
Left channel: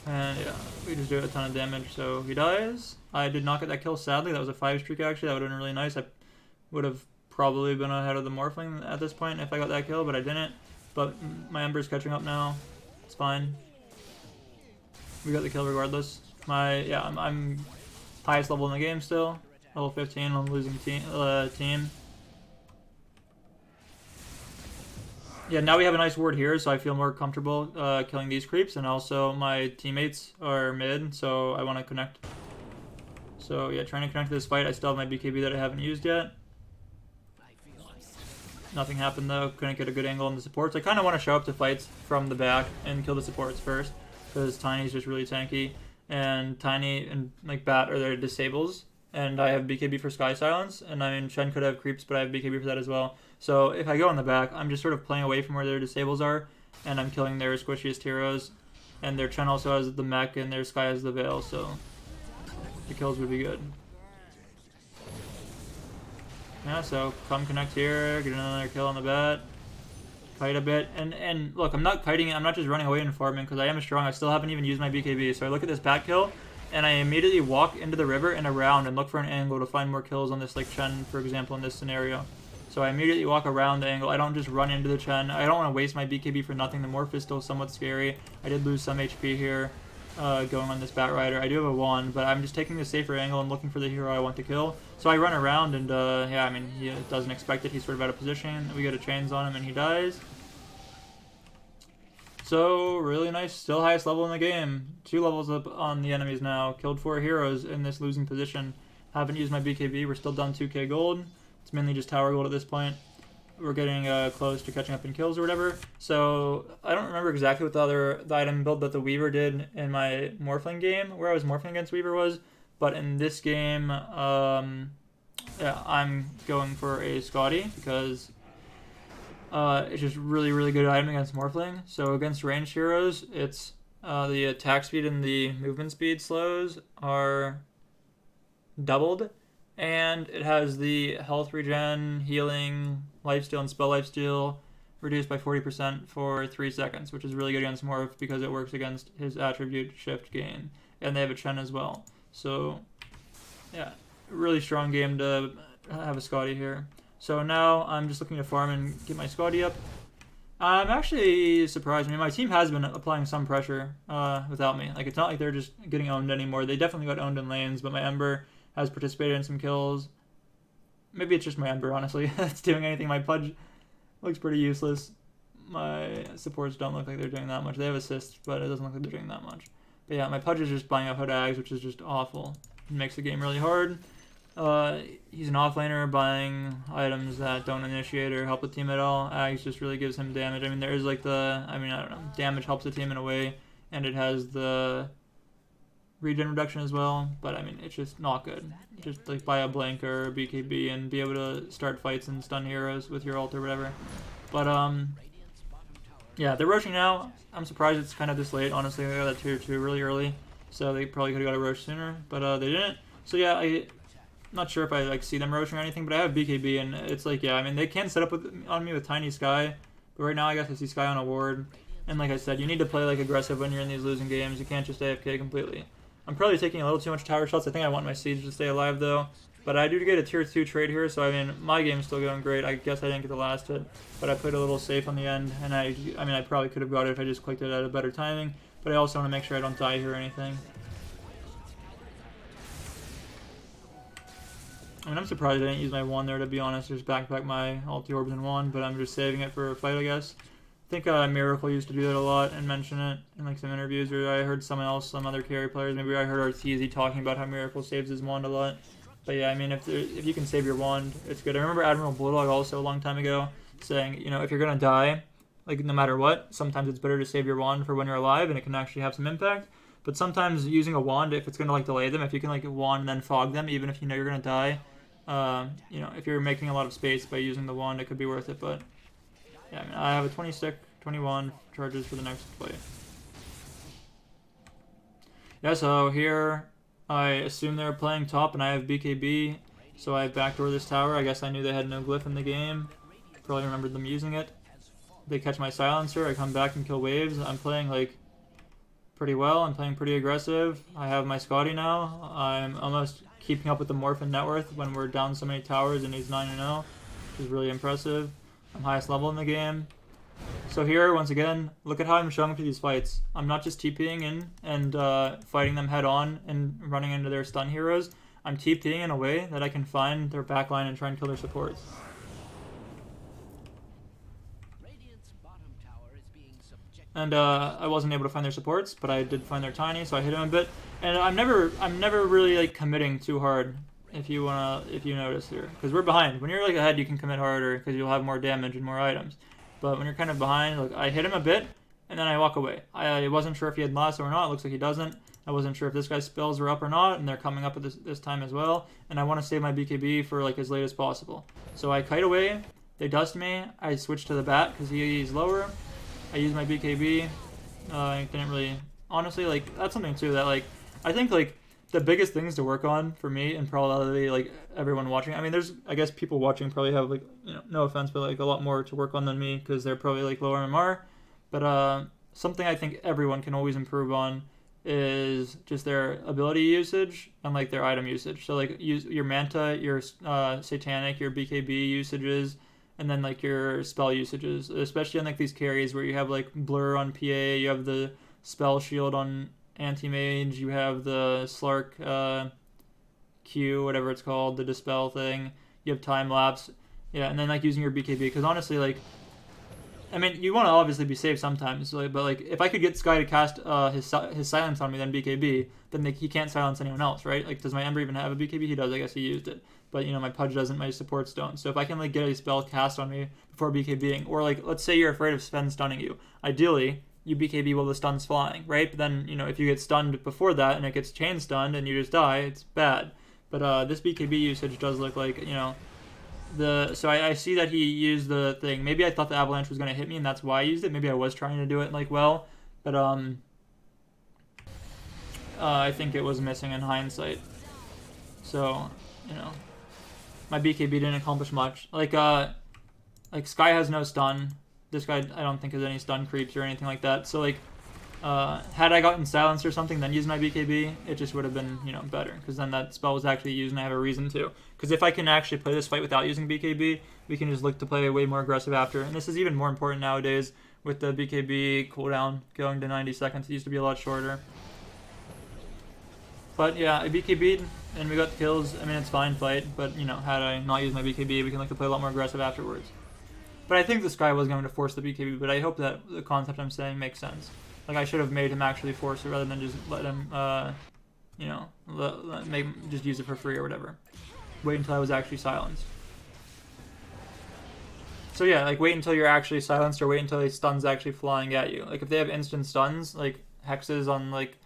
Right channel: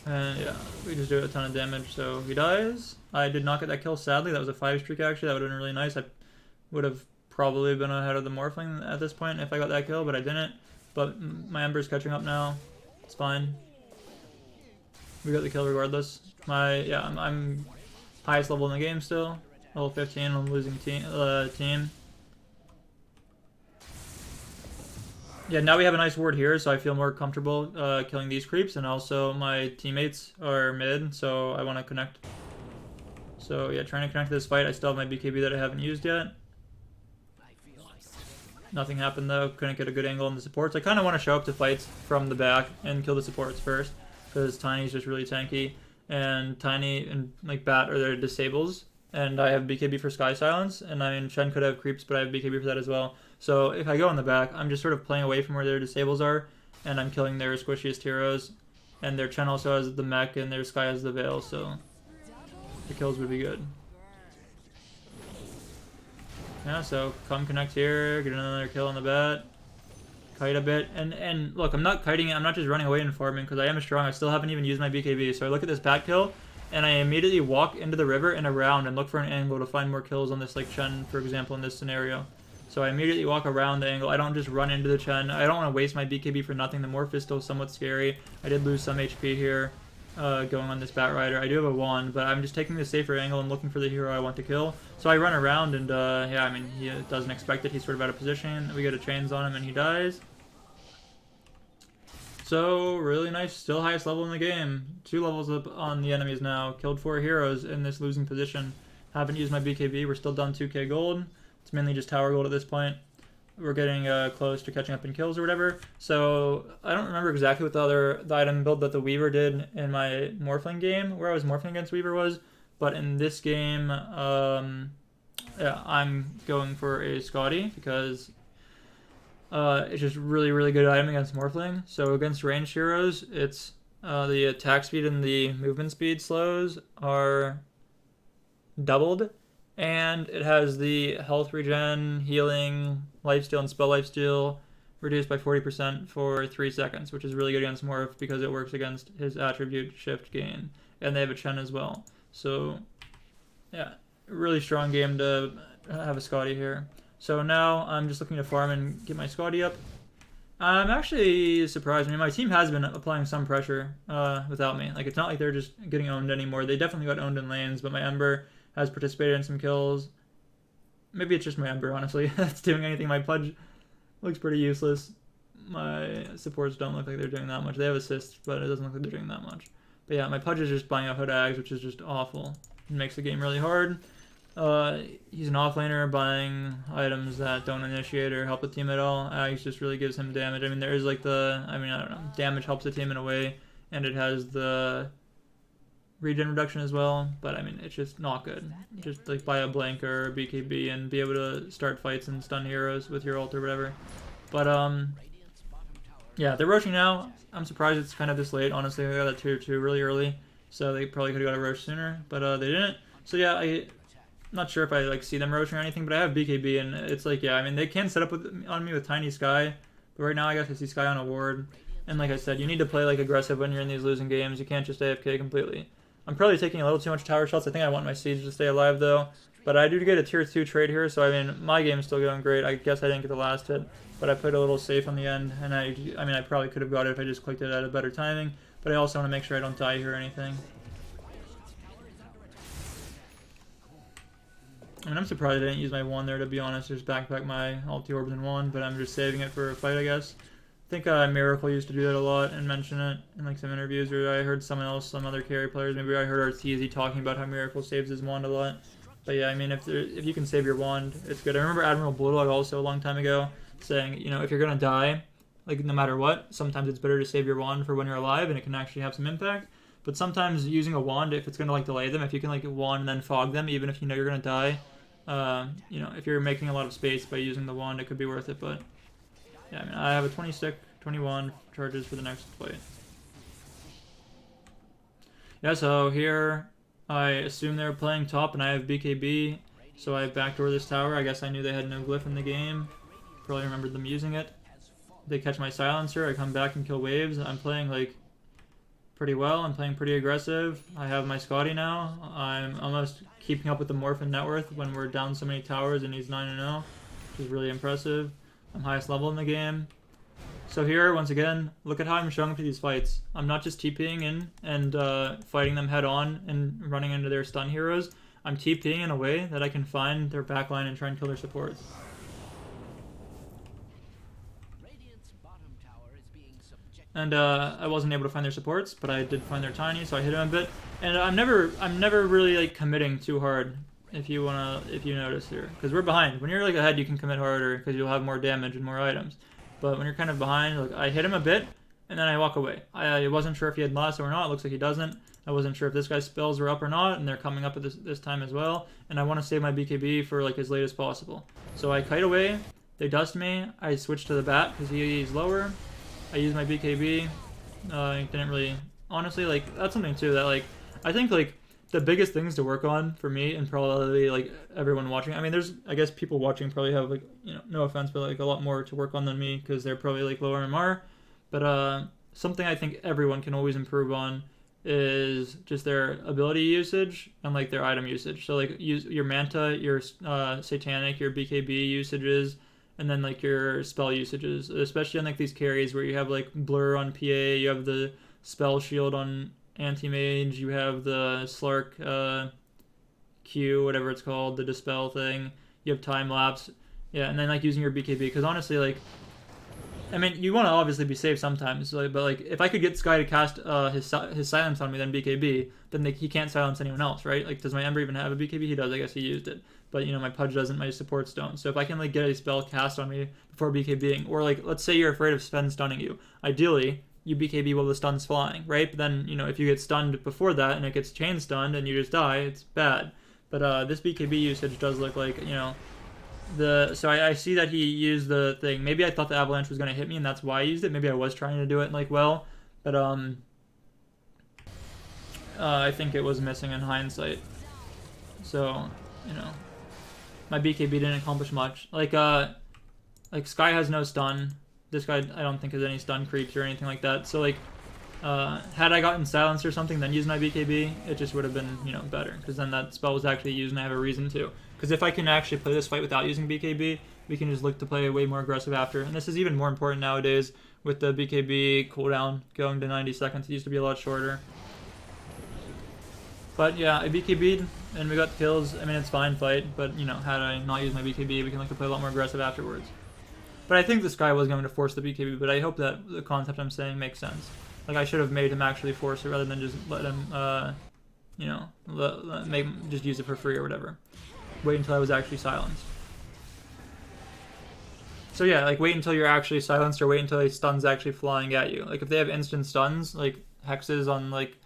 and yeah, we just do a ton of damage. So he dies. I did not get that kill, sadly. That was a 5 streak actually. That would have been really nice. I would have probably been ahead of the Morphling at this point if I got that kill, but I didn't. But my Ember's catching up now. It's fine. We got the kill regardless. I'm highest level in the game still. Level 15 on losing team. Yeah, now we have a nice ward here, so I feel more comfortable killing these creeps, and also my teammates are mid, so I want to connect. So yeah, trying to connect to this fight. I still have my BKB that I haven't used yet. Nothing happened though. Couldn't get a good angle on the supports. I kind of want to show up to fights from the back and kill the supports first, because Tiny's just really tanky, and Tiny and like Bat are their disables, and I have BKB for Sky Silence, and I mean Shen could have creeps, but I have BKB for that as well. So if I go in the back, I'm just sort of playing away from where their disables are, and I'm killing their squishiest heroes, and their Chen also has the mech, and their Sky has the Veil, so the kills would be good. Yeah, so come connect here, get another kill on the Bat. Kite a bit, and look, I'm not kiting it, I'm not just running away and farming, because I am strong. I still haven't even used my BKB, so I look at this Bat kill, and I immediately walk into the river and around and look for an angle to find more kills on this, like Chen, for example, in this scenario. So I immediately walk around the angle. I don't just run into the Chen. I don't want to waste my BKB for nothing. The morph is still somewhat scary. I did lose some HP here going on this Bat Rider. I do have a wand, but I'm just taking the safer angle and looking for the hero I want to kill. So I run around, and yeah, I mean, he doesn't expect it. He's sort of out of position. We get a chains on him, and he dies. So, really nice. Still highest level in the game. 2 levels up on the enemies now. Killed 4 heroes in this losing position. Haven't used my BKB. We're still done 2k gold. It's mainly just tower gold at this point. We're getting close to catching up in kills or whatever. So, I don't remember exactly what the item build that the Weaver did in my Morphling game, where I was Morphling against Weaver was. But in this game, yeah, I'm going for a Scotty because it's just really, really good item against Morphling. So against ranged heroes, it's the attack speed and the movement speed slows are doubled, and it has the health regen, healing, lifesteal, and spell lifesteal reduced by 40% for 3 seconds, which is really good against Morph because it works against his attribute shift gain, and they have a Chen as well. So yeah, really strong game to have a Scotty here. So now I'm just looking to farm and get my Scotty up. I'm actually surprised. I mean, my team has been applying some pressure without me. Like, it's not like they're just getting owned anymore. They definitely got owned in lanes, but my Ember has participated in some kills. Maybe it's just my Ember, honestly, that's doing anything. My Pudge looks pretty useless. My supports don't look like they're doing that much. They have assists, but it doesn't look like they're doing that much. But yeah, my Pudge is just buying out Hood Ags, which is just awful. It makes the game really hard. He's an offlaner buying items that don't initiate or help the team at all. Ags just really gives him damage. I mean, there is like I don't know, damage helps the team in a way, and it has the regen reduction as well, but I mean, it's just not good. Just like buy a Blank or a BKB and be able to start fights and stun heroes with your ult or whatever. But yeah, they're rushing now. I'm surprised it's kind of this late, honestly. They got that tier 2 really early, so they probably could have got a rush sooner, but they didn't. So yeah, I'm not sure if I like see them rushing or anything, but I have BKB, and it's like, yeah, I mean, they can set up on me with Tiny Sky, but right now I guess I see Sky on a ward. And like I said, you need to play like aggressive when you're in these losing games. You can't just AFK completely. I'm probably taking a little too much tower shots. I think I want my Siege to stay alive though, But I do get a tier 2 trade here, so I mean, my game's still going great. I guess I didn't get the last hit, but I played a little safe on the end, and I mean, I probably could have got it if I just clicked it at a better timing, but I also want to make sure I don't die here or anything. I mean, I'm surprised I didn't use my wand there, to be honest. Just backpack my ulti orbs and wand, but I'm just saving it for a fight, I guess. I think Miracle used to do that a lot and mention it in like some interviews, or I heard someone else, some other carry players, maybe I heard Arteezy talking about how Miracle saves his wand a lot. But yeah, I mean, if you can save your wand, it's good. I remember Admiral Bulldog also a long time ago saying, you know, if you're gonna die, like no matter what, sometimes it's better to save your wand for when you're alive, and it can actually have some impact. But sometimes using a wand, if it's gonna like delay them, if you can like wand and then fog them, even if you know you're gonna die, you know, if you're making a lot of space by using the wand, it could be worth it. But yeah, I mean, I have a 21 charges for the next fight. Yeah, so here I assume they're playing top, and I have BKB, so I backdoor this tower. I guess I knew they had no glyph in the game. Probably remembered them using it. They catch my silencer, I come back and kill waves. I'm playing like pretty well. I'm playing pretty aggressive. I have my Scotty now. I'm almost keeping up with the Morphin net worth when we're down so many towers, and he's 9-0, which is really impressive. I'm highest level in the game. So here, once again, look at how I'm showing up to these fights. I'm not just TPing in and fighting them head on and running into their stun heroes. I'm TPing in a way that I can find their backline and try and kill their supports. And I wasn't able to find their supports, but I did find their tiny, so I hit him a bit. And I'm never really like committing too hard. If you notice here, because we're behind. When you're like ahead, you can commit harder because you'll have more damage and more items. But when you're kind of behind, like I hit him a bit, and then I walk away. I wasn't sure if he had lasso or not. It looks like he doesn't. I wasn't sure if this guy's spells were up or not, and they're coming up at this time as well. And I want to save my BKB for like as late as possible. So I kite away. They dust me. I switch to the bat because he's lower. I use my BKB. I didn't really, honestly, like that's something too that like I think like the biggest things to work on for me and probably like everyone watching. I mean, there's I guess people watching probably have like, you know, no offense, but like a lot more to work on than me because they're probably like lower MMR. But something I think everyone can always improve on is just their ability usage and like their item usage. So like use your Manta, your Satanic, your BKB usages, and then like your spell usages, especially on like these carries where you have like Blur on PA, you have the Spell Shield on Anti-Mage, you have the Slark Q, whatever it's called, the Dispel thing, you have Time Lapse, yeah, and then like using your BKB, because honestly, like, I mean, you want to obviously be safe sometimes, but like, if I could get Sky to cast his silence on me, then BKB, then he can't silence anyone else, right? Like, does my Ember even have a BKB? He does, I guess he used it. But, you know, my Pudge doesn't, my supports don't. So if I can, like, get a spell cast on me before BKBing, or, like, let's say you're afraid of Sven stunning you. Ideally, you BKB while the stun's flying, right? But then, you know, if you get stunned before that and it gets chain stunned and you just die, it's bad. But this BKB usage does look like, you know, so I see that he used the thing. Maybe I thought the avalanche was going to hit me and that's why I used it. Maybe I was trying to do it, like, well. But, I think it was missing in hindsight. So, you know, my BKB didn't accomplish much. Like Sky has no stun. This guy, I don't think has any stun creeps or anything like that. So, like, had I gotten silence or something, then used my BKB, it just would have been, you know, better. Because then that spell was actually used and I have a reason to. Because if I can actually play this fight without using BKB, we can just look to play way more aggressive after. And this is even more important nowadays with the BKB cooldown going to 90 seconds. It used to be a lot shorter. But yeah, I BKB'd and we got the kills. I mean, it's fine fight, but, you know, had I not used my BKB, we can look to play a lot more aggressive afterwards. But I think this guy was going to force the BKB, but I hope that the concept I'm saying makes sense. Like, I should have made him actually force it rather than just let him, you know, just use it for free or whatever. Wait until I was actually silenced. So yeah, like, wait until you're actually silenced or wait until a stun's actually flying at you. Like, if they have instant stuns, like hexes on, like,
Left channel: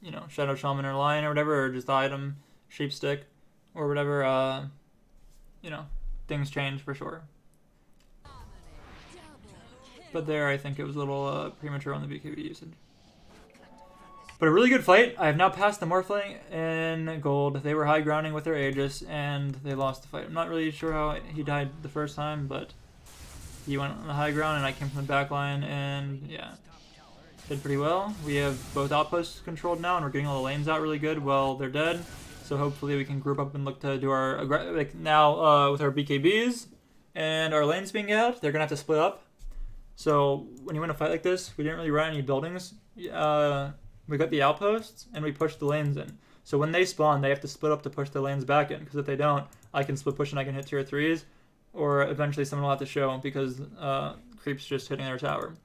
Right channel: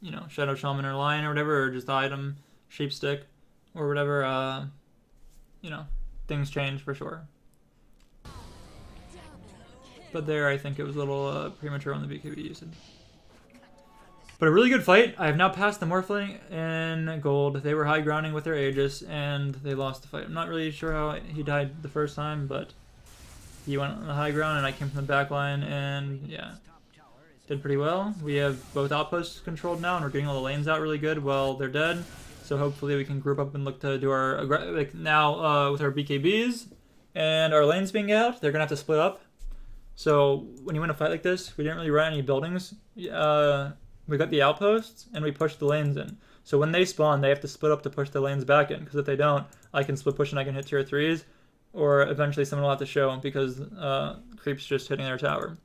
you know, Shadow Shaman or Lion or whatever, or just the item, Sheepstick, or whatever, you know, things change for sure. But there, I think it was a little premature on the BKB usage. But a really good fight. I have now passed the Morphling in gold. They were high grounding with their Aegis, and they lost the fight. I'm not really sure how he died the first time, but he went on the high ground, and I came from the back line, and yeah, did pretty well. We have both outposts controlled now, and we're getting all the lanes out really good while they're dead. So hopefully we can group up and look to do our like now with our BKBs and our lanes being out, they're gonna have to split up. So when you win a fight like this, we didn't really run any buildings. We got the outposts and we pushed the lanes in. So when they spawn, they have to split up to push the lanes back in. Because if they don't, I can split push and I can hit tier 3s, or eventually someone will have to show because creeps just hitting their tower.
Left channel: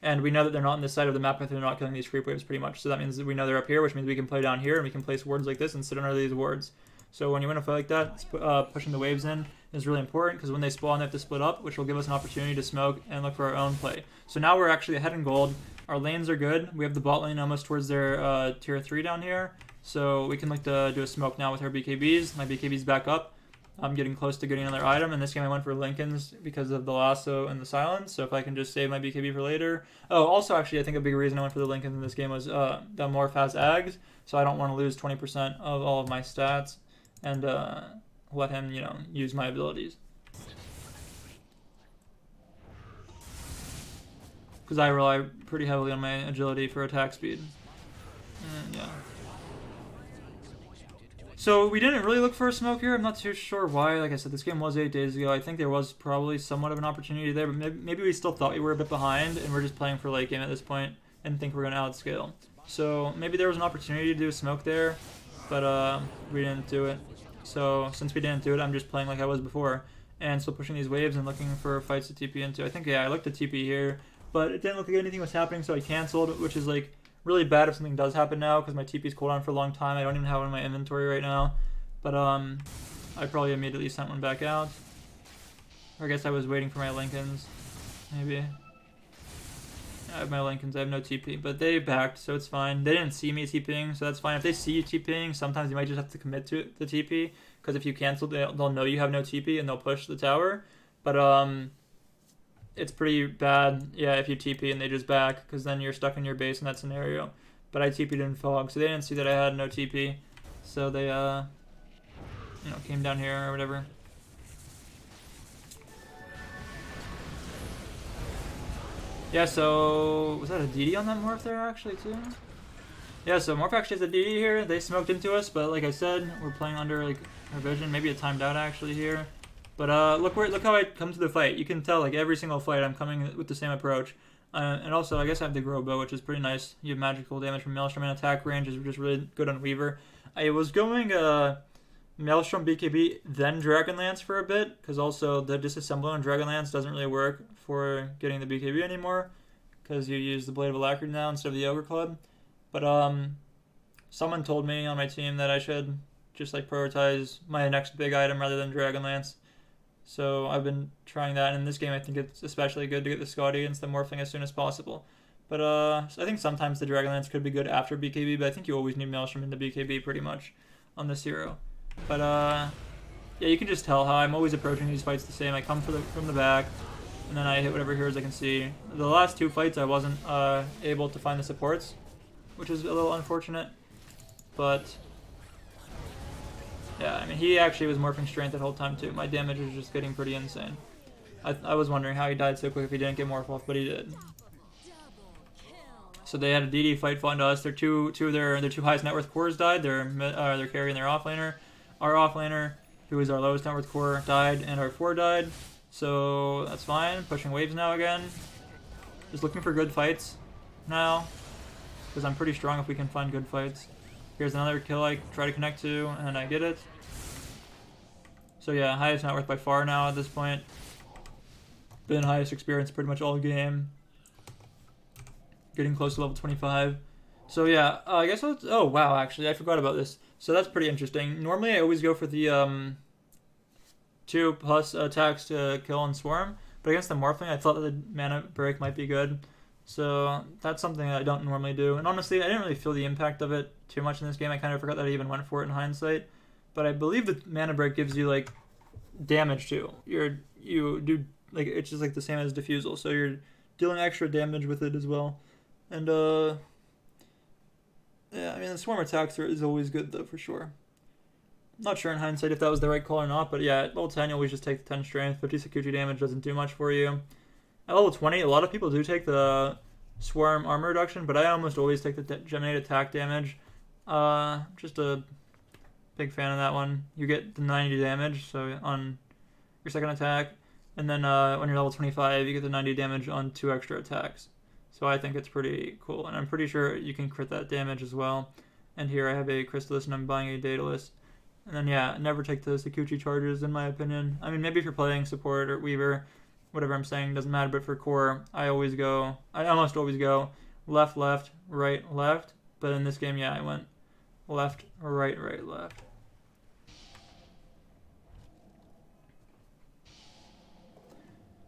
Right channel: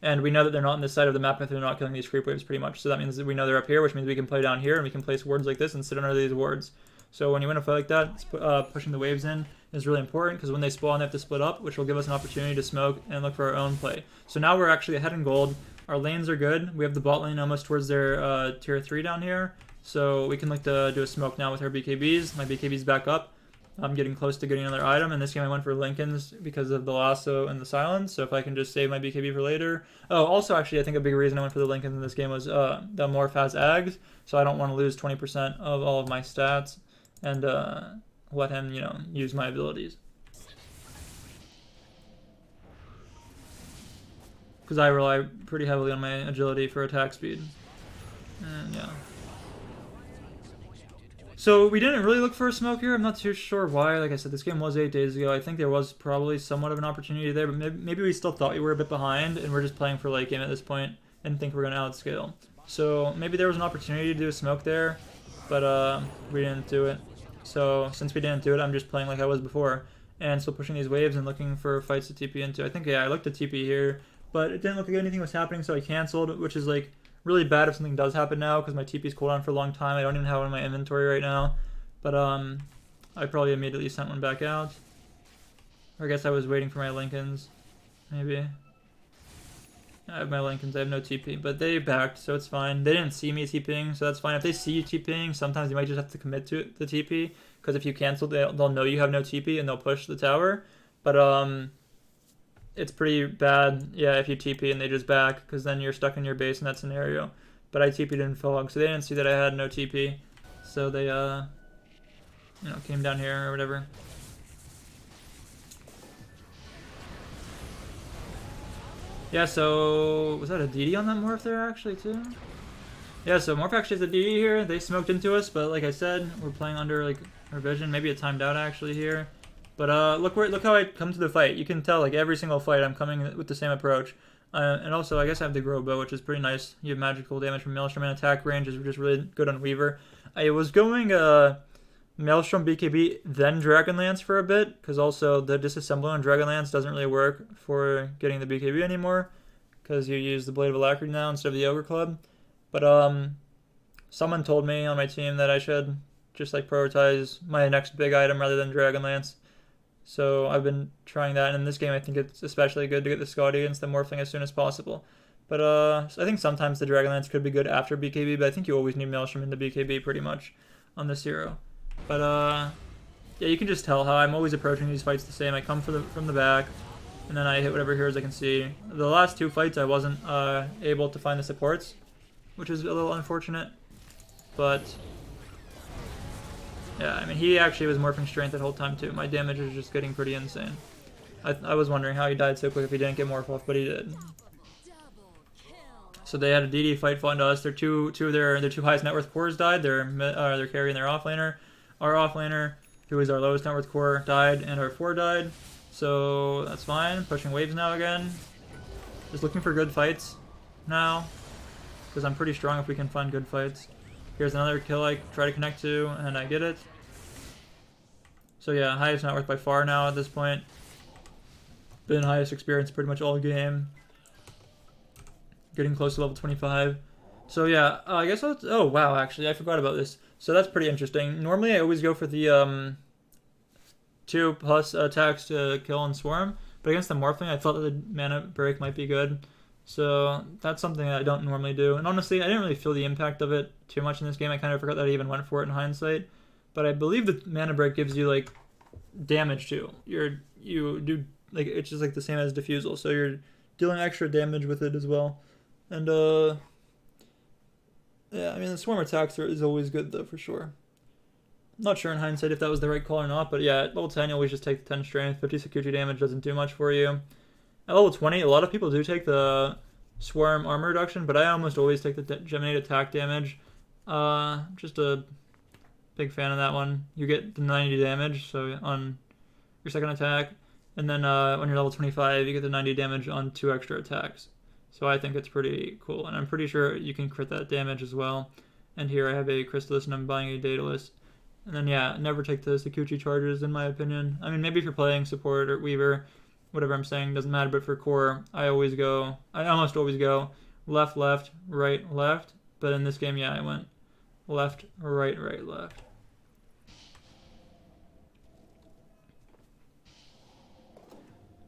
And we know that they're not on this side of the map if they're not killing these creep waves pretty much. So that means that we know they're up here, which means we can play down here and we can place wards like this and sit under these wards. So when you win a fight like that, pushing the waves in is really important because when they spawn, they have to split up, which will give us an opportunity to smoke and look for our own play. So now we're actually ahead in gold. Our lanes are good. We have the bot lane almost towards their tier 3 down here. So we can look to do a smoke now with our BKBs. My BKB's back up. I'm getting close to getting another item. In this game, I went for Lincoln's because of the lasso and the silence. So if I can just save my BKB for later. Oh, also, actually, I think a big reason I went for the Lincolns in this game was the morph has Ags. So I don't want to lose 20% of all of my stats and let him, use my abilities. Because I rely pretty heavily on my agility for attack speed. And, yeah. So we didn't really look for a smoke here. I'm not too sure why. Like I said, this game was 8 days ago. I think there was probably somewhat of an opportunity there, but maybe we still thought we were a bit behind, and we're just playing for late game at this point and think we're going to outscale. So maybe there was an opportunity to do a smoke there, but we didn't do it. So since we didn't do it, I'm just playing like I was before and still pushing these waves and looking for fights to TP into. I think, yeah, I looked at TP here, but it didn't look like anything was happening, so I canceled, which is like really bad if something does happen now because my TP's cooldown for a long time. I don't even have one in my inventory right now, but I probably immediately sent one back out. Or I guess I was waiting for my Lincolns, maybe. I have my Lincolns, I have no TP, but they backed, so it's fine. They didn't see me TPing, so that's fine. If they see you TPing, sometimes you might just have to commit to the TP, because if you cancel, they'll know you have no TP and they'll push the tower. But it's pretty bad, yeah, if you TP and they just back, because then you're stuck in your base in that scenario. But I TP'd in fog, so they didn't see that I had no TP, so they came down here or whatever. Yeah, so was that a DD on that morph there actually too? Yeah, so morph actually has a DD here. They smoked into us, but like I said, we're playing under like our vision. Maybe it timed out actually here. But look how I come to the fight. You can tell like every single fight I'm coming with the same approach. And also I guess I have the grow bow, which is pretty nice. You have magical damage from Maelstrom and attack range is just really good on Weaver. I was going Maelstrom BKB then Dragonlance for a bit, because also the disassembler on Dragonlance doesn't really work for getting the BKB anymore, because you use the Blade of Alacrity now instead of the Ogre Club. But someone told me on my team that I should just like prioritize my next big item rather than Dragonlance. So I've been trying that, and in this game I think it's especially good to get the Scotty against the Morphling as soon as possible. But I think sometimes the Dragonlance could be good after BKB, but I think you always need Maelstrom in the BKB pretty much on this hero. But yeah, you can just tell how I'm always approaching these fights the same. I come from the back, and then I hit whatever heroes I can see. The last two fights I wasn't able to find the supports, which is a little unfortunate. But yeah, I mean, he actually was morphing strength the whole time too. My damage was just getting pretty insane. I was wondering how he died so quick if he didn't get morph off, but he did. So they had a DD fight fall into us. Their two of their two highest net worth cores died. Their carry and their offlaner. Our offlaner, who is our lowest net worth core, died, and our 4 died. So that's fine. Pushing waves now again. Just looking for good fights now, because I'm pretty strong if we can find good fights. Here's another kill I try to connect to, and I get it. So yeah, highest net worth by far now at this point. Been highest experience pretty much all game. Getting close to level 25. So yeah, I guess oh wow, actually I forgot about this. So that's pretty interesting. Normally I always go for the 2+ attacks to kill and swarm, but against the Morphling I thought that the mana break might be good. So that's something that I don't normally do. And honestly, I didn't really feel the impact of it too much in this game. I kind of forgot that I even went for it in hindsight. But I believe the mana break gives you like damage too. You do like it's just like the same as diffusal, so you're dealing extra damage with it as well. And yeah, I mean, the swarm attacks is always good, though, for sure. Not sure in hindsight if that was the right call or not, but yeah, at level 10, you always just take the 10 strength. 50 Scourge damage doesn't do much for you. At level 20, a lot of people do take the swarm armor reduction, but I almost always take the geminate attack damage. Just a Big fan of that one. You get the 90 damage so on your second attack, and then when you're level 25, you get the 90 damage on 2 extra attacks. So I think it's pretty cool, and I'm pretty sure you can crit that damage as well. And here I have a Crystallis and I'm buying a Daedalus. And then yeah, never take the Scourge charges in my opinion. I mean, maybe if you're playing support or Weaver, whatever I'm saying doesn't matter, but for core, I almost always go left, left, right, left. But in this game, yeah, I went left, right, right, left.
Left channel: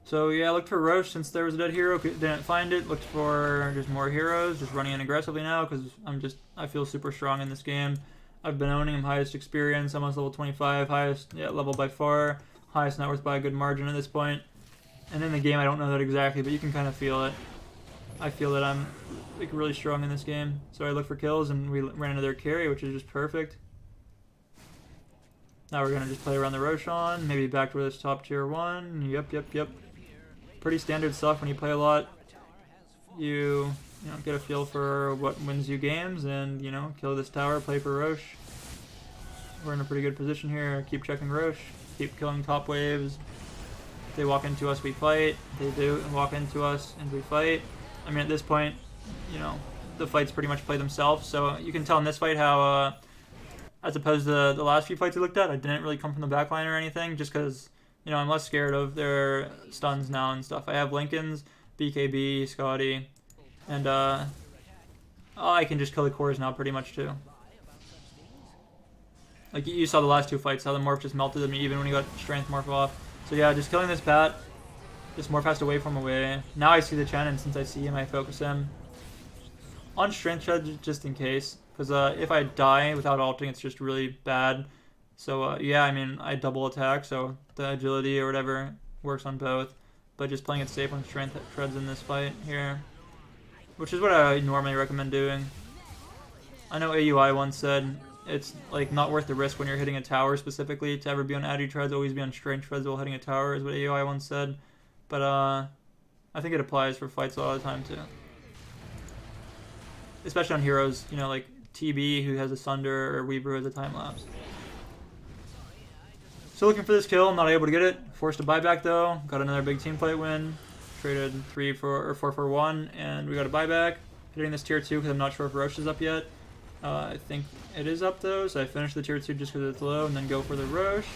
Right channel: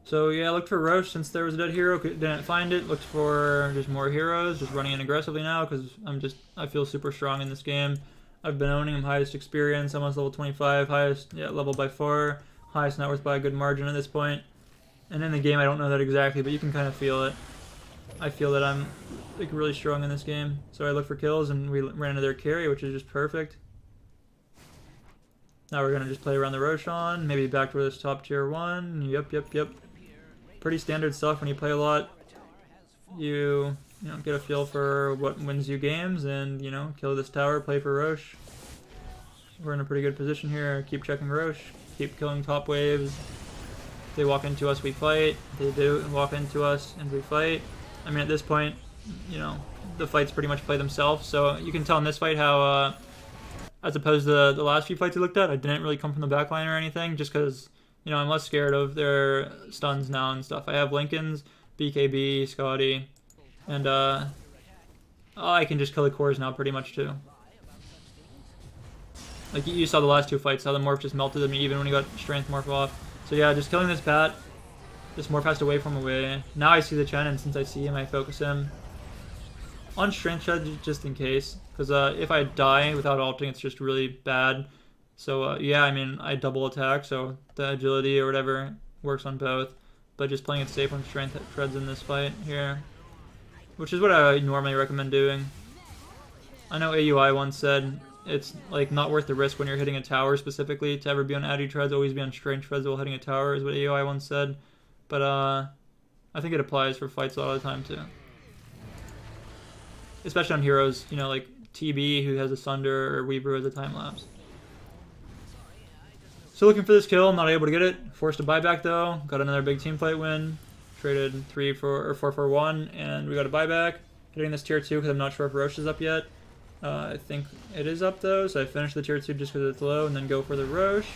So yeah, I looked for Roche since there was a dead hero. Didn't find it. Looked for just more heroes. Just running in aggressively now because I feel super strong in this game. I've been owning him, highest experience, almost level 25, highest level by far, highest net worth by a good margin at this point. And in the game, I don't know that exactly, but you can kind of feel it. I feel that I'm like really strong in this game. So I look for kills and we ran into their carry, which is just perfect. Now we're gonna just play around the Roshan, maybe back to this top tier 1. Yep. Pretty standard stuff when you play a lot. You get a feel for what wins you games and, kill this tower, play for Roche. We're in a pretty good position here. Keep checking Roche, keep killing top waves. If they walk into us, we fight. They do walk into us and we fight. I mean, at this point, the fights pretty much play themselves. So you can tell in this fight how, as opposed to the last few fights I looked at, I didn't really come from the backline or anything just because, I'm less scared of their stuns now and stuff. I have Lincolns, BKB, Scotty, and I can just kill the cores now pretty much too. Like you saw the last 2 fights, how the morph just melted them even when he got strength morph off. So yeah, just killing this bat. This morph has to wave from away. Now I see the Chen, and since I see him, I focus him. On strength shed just in case, because if I die without ulting, it's just really bad. So yeah, I mean, I double attack, so the agility or whatever works on both. But just playing it safe when strength treads in this fight here, which is what I normally recommend doing. I know AUI once said it's like not worth the risk when you're hitting a tower specifically to ever be on adi treads, always be on strength treads while hitting a tower is what AUI once said. But I think it applies for fights a lot of the time too. Especially on heroes, like TB who has a Sunder or Weaver with a time lapse. So looking for this kill, not able to get it. Forced a buyback though. Got another big team fight win. Traded 4 for 1, and we got a buyback. Hitting this tier 2 because I'm not sure if Roche is up yet. I think it is up though, so I finished the tier 2 just because it's low, and then go for the Roche.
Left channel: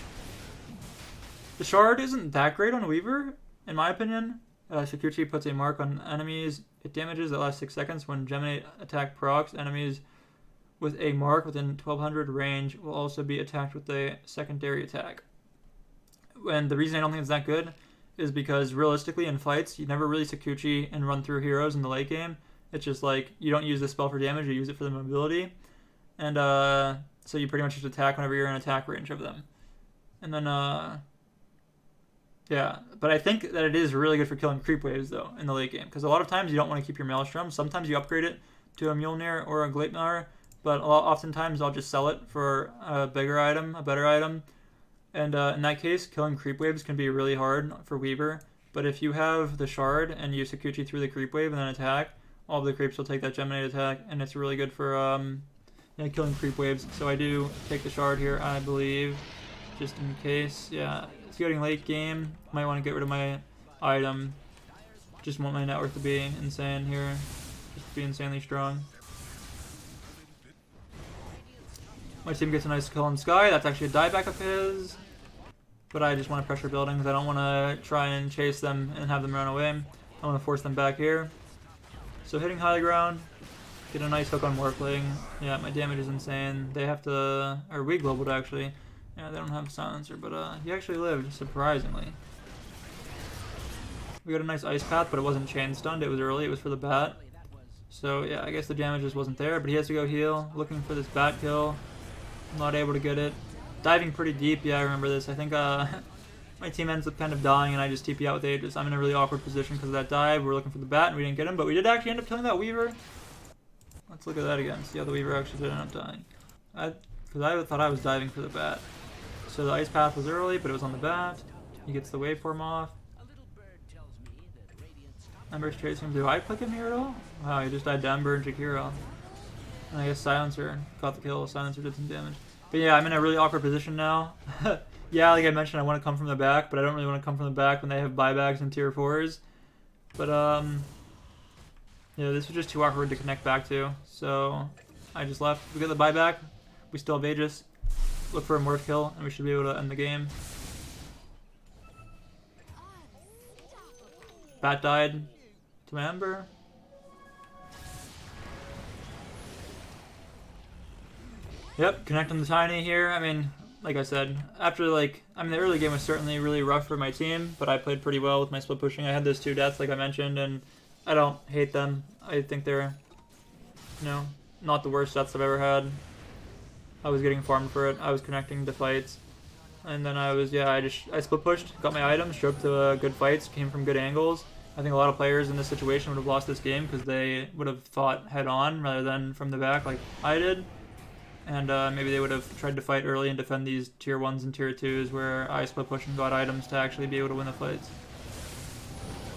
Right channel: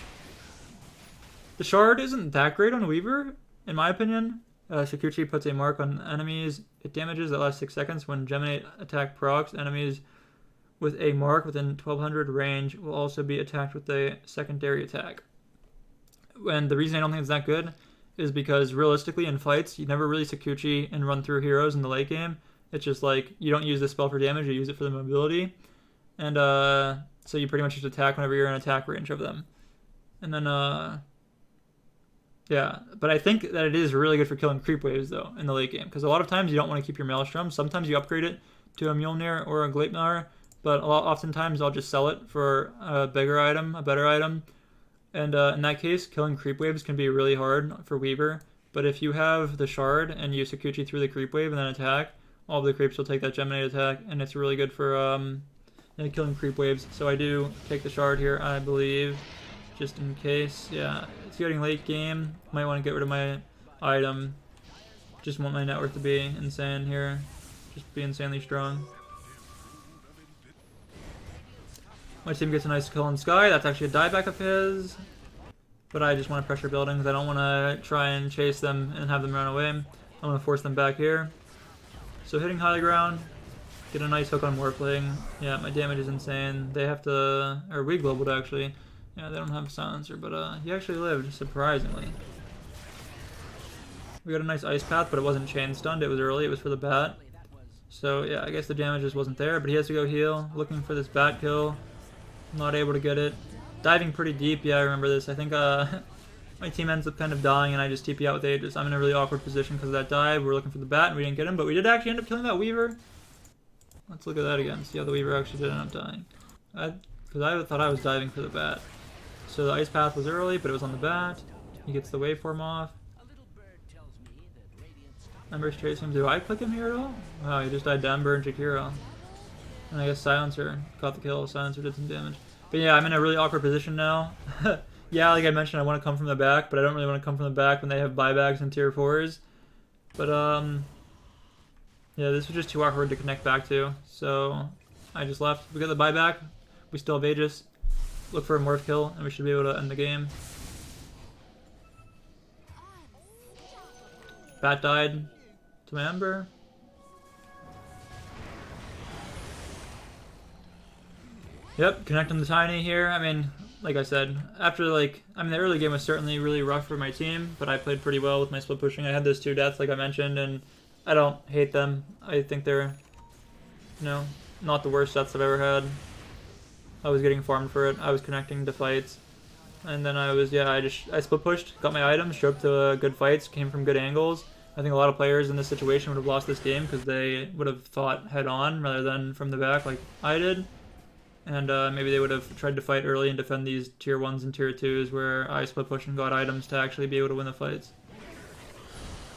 The shard isn't that great on Weaver, in my opinion. Scourge puts a mark on enemies. It damages that lasts 6 seconds when Geminate attack procs. Enemies with a mark within 1200 range will also be attacked with a secondary attack. And the reason I don't think it's that good is because realistically in fights, you never really Scourge and run through heroes in the late game. It's just like you don't use the spell for damage, you use it for the mobility. And so you pretty much just attack whenever you're in attack range of them. And then, yeah. But I think that it is really good for killing creep waves though in the late game. Because a lot of times you don't want to keep your Maelstrom. Sometimes you upgrade it to a Mjolnir or a Gleipnir. But oftentimes I'll just sell it for a bigger item, a better item. And in that case, killing creep waves can be really hard for Weaver. But if you have the shard and you Scourge through the creep wave and then attack, all of the creeps will take that Geminate attack, and it's really good for killing creep waves. So I do take the shard here, I believe, just in case. Yeah, it's getting late game. Might want to get rid of my item. Just want my net worth to be insane here. Just be insanely strong. My team gets a nice kill on Sky. That's actually a dieback of his. But I just want to pressure buildings. I don't want to try and chase them and have them run away. I want to force them back here. So hitting high ground. Get a nice hook on Warpling. Yeah, my damage is insane. They have to... Or we globaled actually. Yeah, they don't have silencer, but he actually lived, surprisingly. We got a nice ice path, but it wasn't chain stunned. It was early. It was for the bat. So yeah, I guess the damage just wasn't there, but he has to go heal. Looking for this bat kill. Not able to get it. Diving pretty deep, yeah, I remember this. I think my team ends up kind of dying and I just TP out with Aegis. I'm in a really awkward position because of that dive. We're looking for the bat and we didn't get him, but we did actually end up killing that Weaver. Let's look at that again, see how the Weaver actually did end up dying. Because I thought I was diving for the bat. So the ice path was early, but it was on the bat. He gets the waveform off. Ember's chasing him. Do I click him here at all? Wow, he just died down, burn Jakiro. And I guess Silencer got the kill. Silencer did some damage. But yeah, I'm in a really awkward position now. Yeah, like I mentioned, I want to come from the back, but I don't really want to come from the back when they have buybacks and tier 4s. But yeah, this was just too awkward to connect back to, so I just left. We got the buyback. We still have Aegis. Look for a morph kill, and we should be able to end the game. Bat died to my Ember. Yep, connecting the Tiny here. I mean, like I said, after the early game was certainly really rough for my team, but I played pretty well with my split pushing. I had those 2 deaths, like I mentioned, and I don't hate them. I think they're, not the worst deaths I've ever had. I was getting farmed for it. I was connecting to fights. And then I split pushed, got my items, showed up to good fights, came from good angles. I think a lot of players in this situation would have lost this game because they would have fought head on rather than from the back like I did. And maybe they would have tried to fight early and defend these tier 1s and tier 2s where I split pushed and got items to actually be able to win the fights.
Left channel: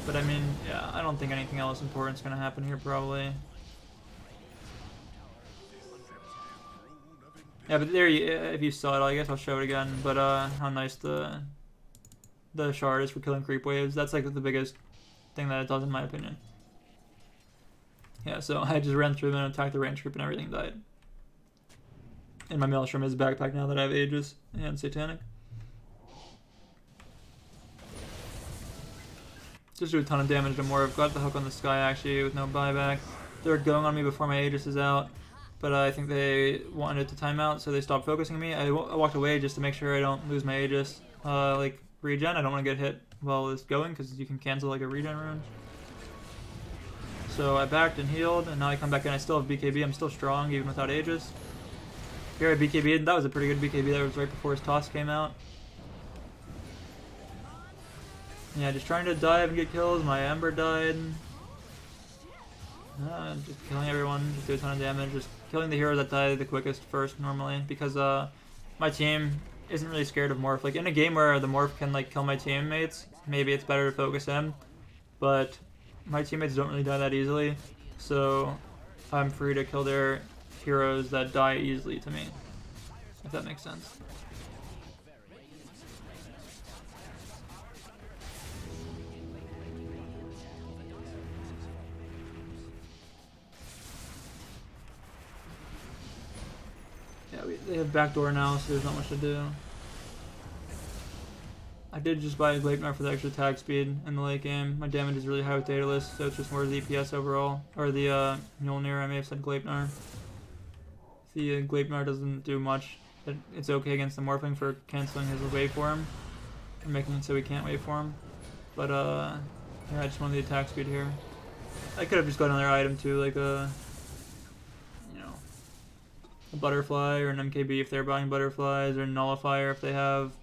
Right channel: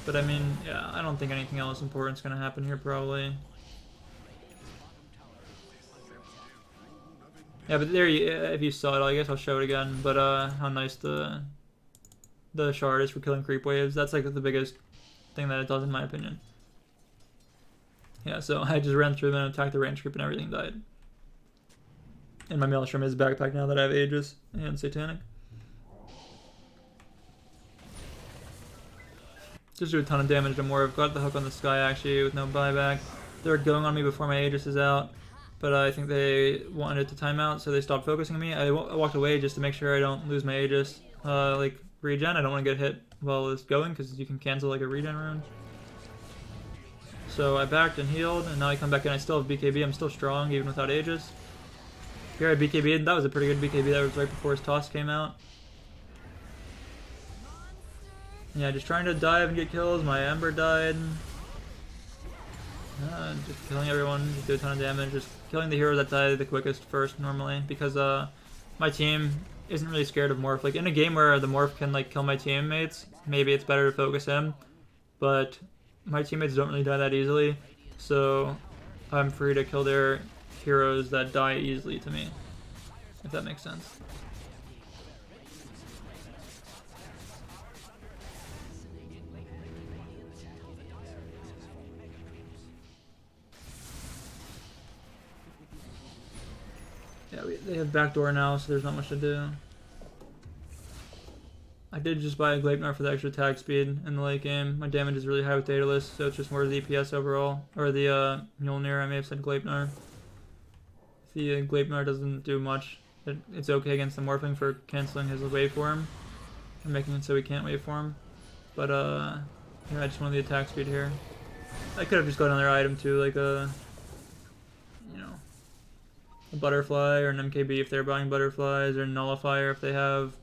But I mean, yeah, I don't think anything else important is going to happen here probably. Yeah, but there, if you saw it, I guess I'll show it again. But how nice the shard is for killing creep waves. That's like the biggest thing that it does in my opinion. Yeah, so I just ran through them and attacked the range creep and everything died. And my Maelstrom is backpack now that I have Aegis and Satanic. Just do a ton of damage to Morph. Got the hook on the Sky actually with no buyback. They're going on me before my Aegis is out. But I think they wanted to time out, so they stopped focusing on me. I walked away just to make sure I don't lose my Aegis. Regen, I don't want to get hit while it's going because you can cancel like a regen rune. So I backed and healed, and now I come back in. I still have BKB. I'm still strong even without Aegis. Here I BKB, and that was a pretty good BKB. That was right before his toss came out. Yeah, just trying to dive and get kills. My Ember died. Just killing everyone, just do a ton of damage. Just killing the hero that died the quickest first normally because my team isn't really scared of Morph. Like in a game where the Morph can like kill my teammates, maybe it's better to focus him. But my teammates don't really die that easily, so I'm free to kill their heroes that die easily to me, if that makes sense. Yeah, they have backdoor now, so there's not much to do. I did just buy a Gleipnir for the extra attack speed in the late game. My damage is really high with Daedalus, so it's just more DPS overall. Or the Mjolnir, I may have said Gleipnir. The Gleipnir doesn't do much. It's okay against the Morphling for canceling his waveform and making it so he can't waveform. But yeah, I just wanted the attack speed here. I could have just got another item too, like a butterfly or an MKB if they're buying butterflies, or nullifier if they have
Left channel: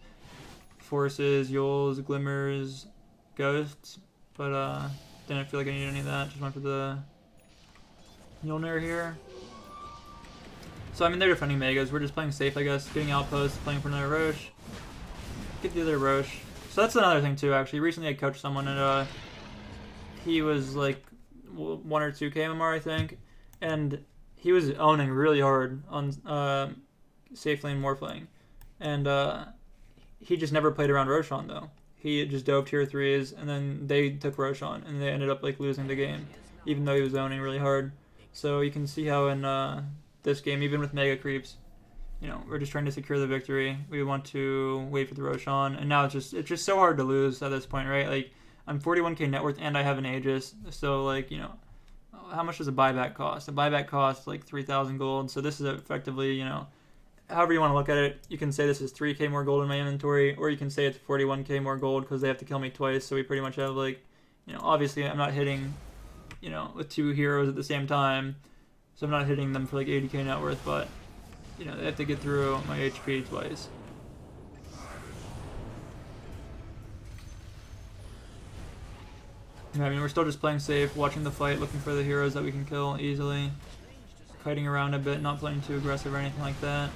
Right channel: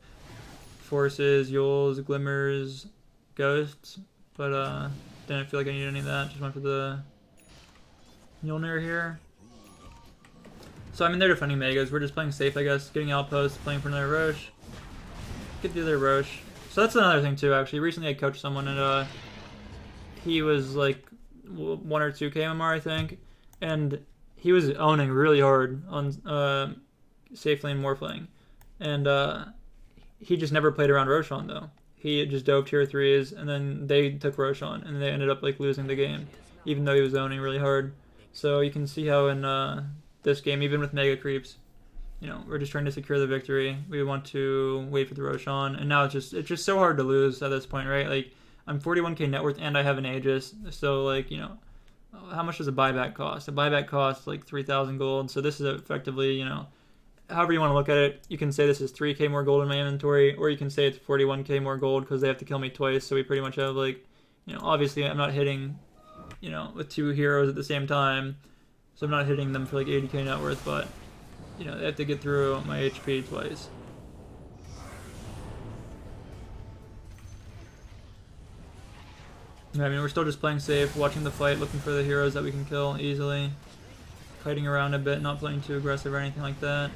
forces, Yules, glimmers, ghosts. But didn't feel like I needed any of that. Just went for the Mjolnir here. So I mean, they're defending Megas. We're just playing safe, I guess. Getting outposts, playing for another Roche. Get the other Roche. So that's another thing too, actually. Recently I coached someone and he was like 1 or 2 KMR, I think. And he was owning really hard on safe lane Morphling. And he just never played around Roshan though. He just dove tier 3s and then they took Roshan and they ended up like losing the game, even though he was owning really hard. So you can see how in this game, even with mega creeps, we're just trying to secure the victory. We want to wait for the Roshan, and now it's just so hard to lose at this point, right? Like I'm 41k net worth and I have an Aegis, so like how much does a buyback cost? A buyback costs like 3,000 gold. So this is effectively however you want to look at it. You can say this is 3k more gold in my inventory, or you can say it's 41k more gold because they have to kill me twice. So we pretty much have like obviously I'm not hitting with 2 heroes at the same time. So I'm not hitting them for like 80k net worth, but they have to get through my HP twice. I mean, we're still just playing safe, watching the fight, looking for the heroes that we can kill easily, kiting around a bit, not playing too aggressive or anything like that.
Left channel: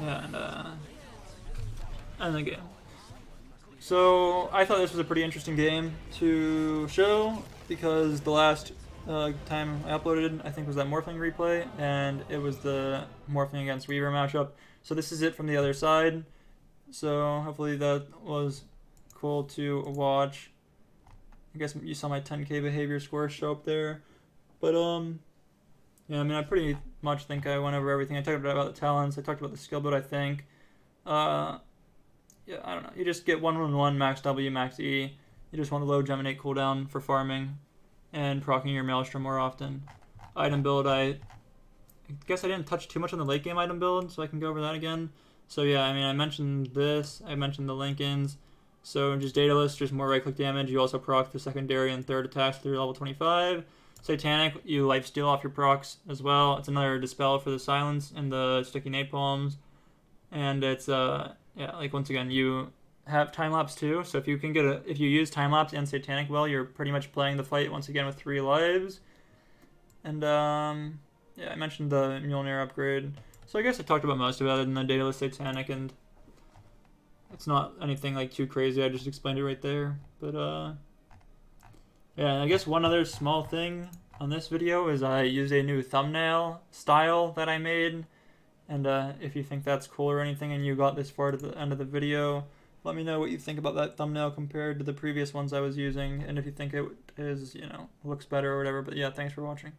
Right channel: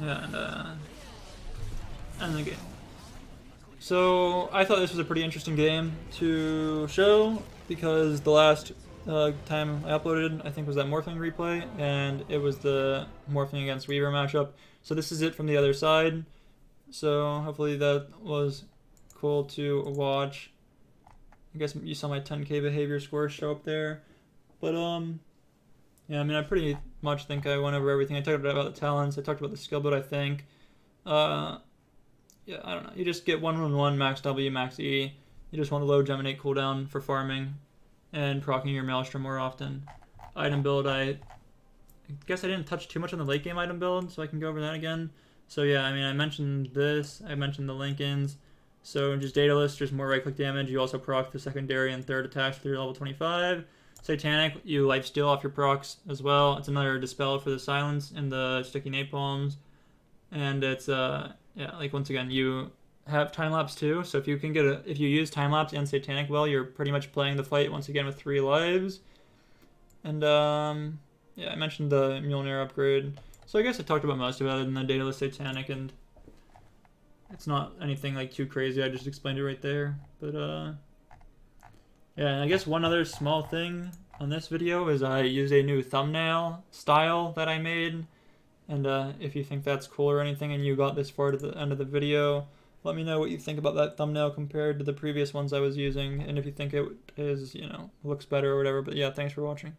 Yeah, and end the game. So I thought this was a pretty interesting game to show, because the last time I uploaded, I think, was that Morphling replay, and it was the Morphling against Weaver matchup. So this is it from the other side. So hopefully that was cool to watch. I guess you saw my 10k behavior score show up there. But yeah, I mean, I pretty much think I went over everything. I talked about the talents. I talked about the skill build, I think. Yeah, I don't know. You just get 1-1-1, max W, max E. You just want the low Geminate cooldown for farming and proccing your Maelstrom more often. Item build, I guess I didn't touch too much on the late game item build, so I can go over that again. So yeah, I mean, I mentioned this. I mentioned the Lincolns. So just data list, just more right-click damage. You also proc the secondary and third attacks through level 25. Satanic, you lifesteal off your procs as well. It's another dispel for the silence and the sticky napalms. And it's yeah, like once again, you have time lapse too. So if you can if you use time lapse and Satanic well, you're pretty much playing the fight once again with 3 lives. And yeah, I mentioned the Mjolnir upgrade. So I guess I talked about most of it other than the data list Satanic, and it's not anything like too crazy. I just explained it right there. But yeah, and I guess one other small thing on this video is I used a new thumbnail style that I made. And if you think that's cool or anything and you got this far to the end of the video, let me know what you think about that thumbnail compared to the previous ones I was using, and if you think it is, you know, looks better or whatever. But yeah, thanks for watching.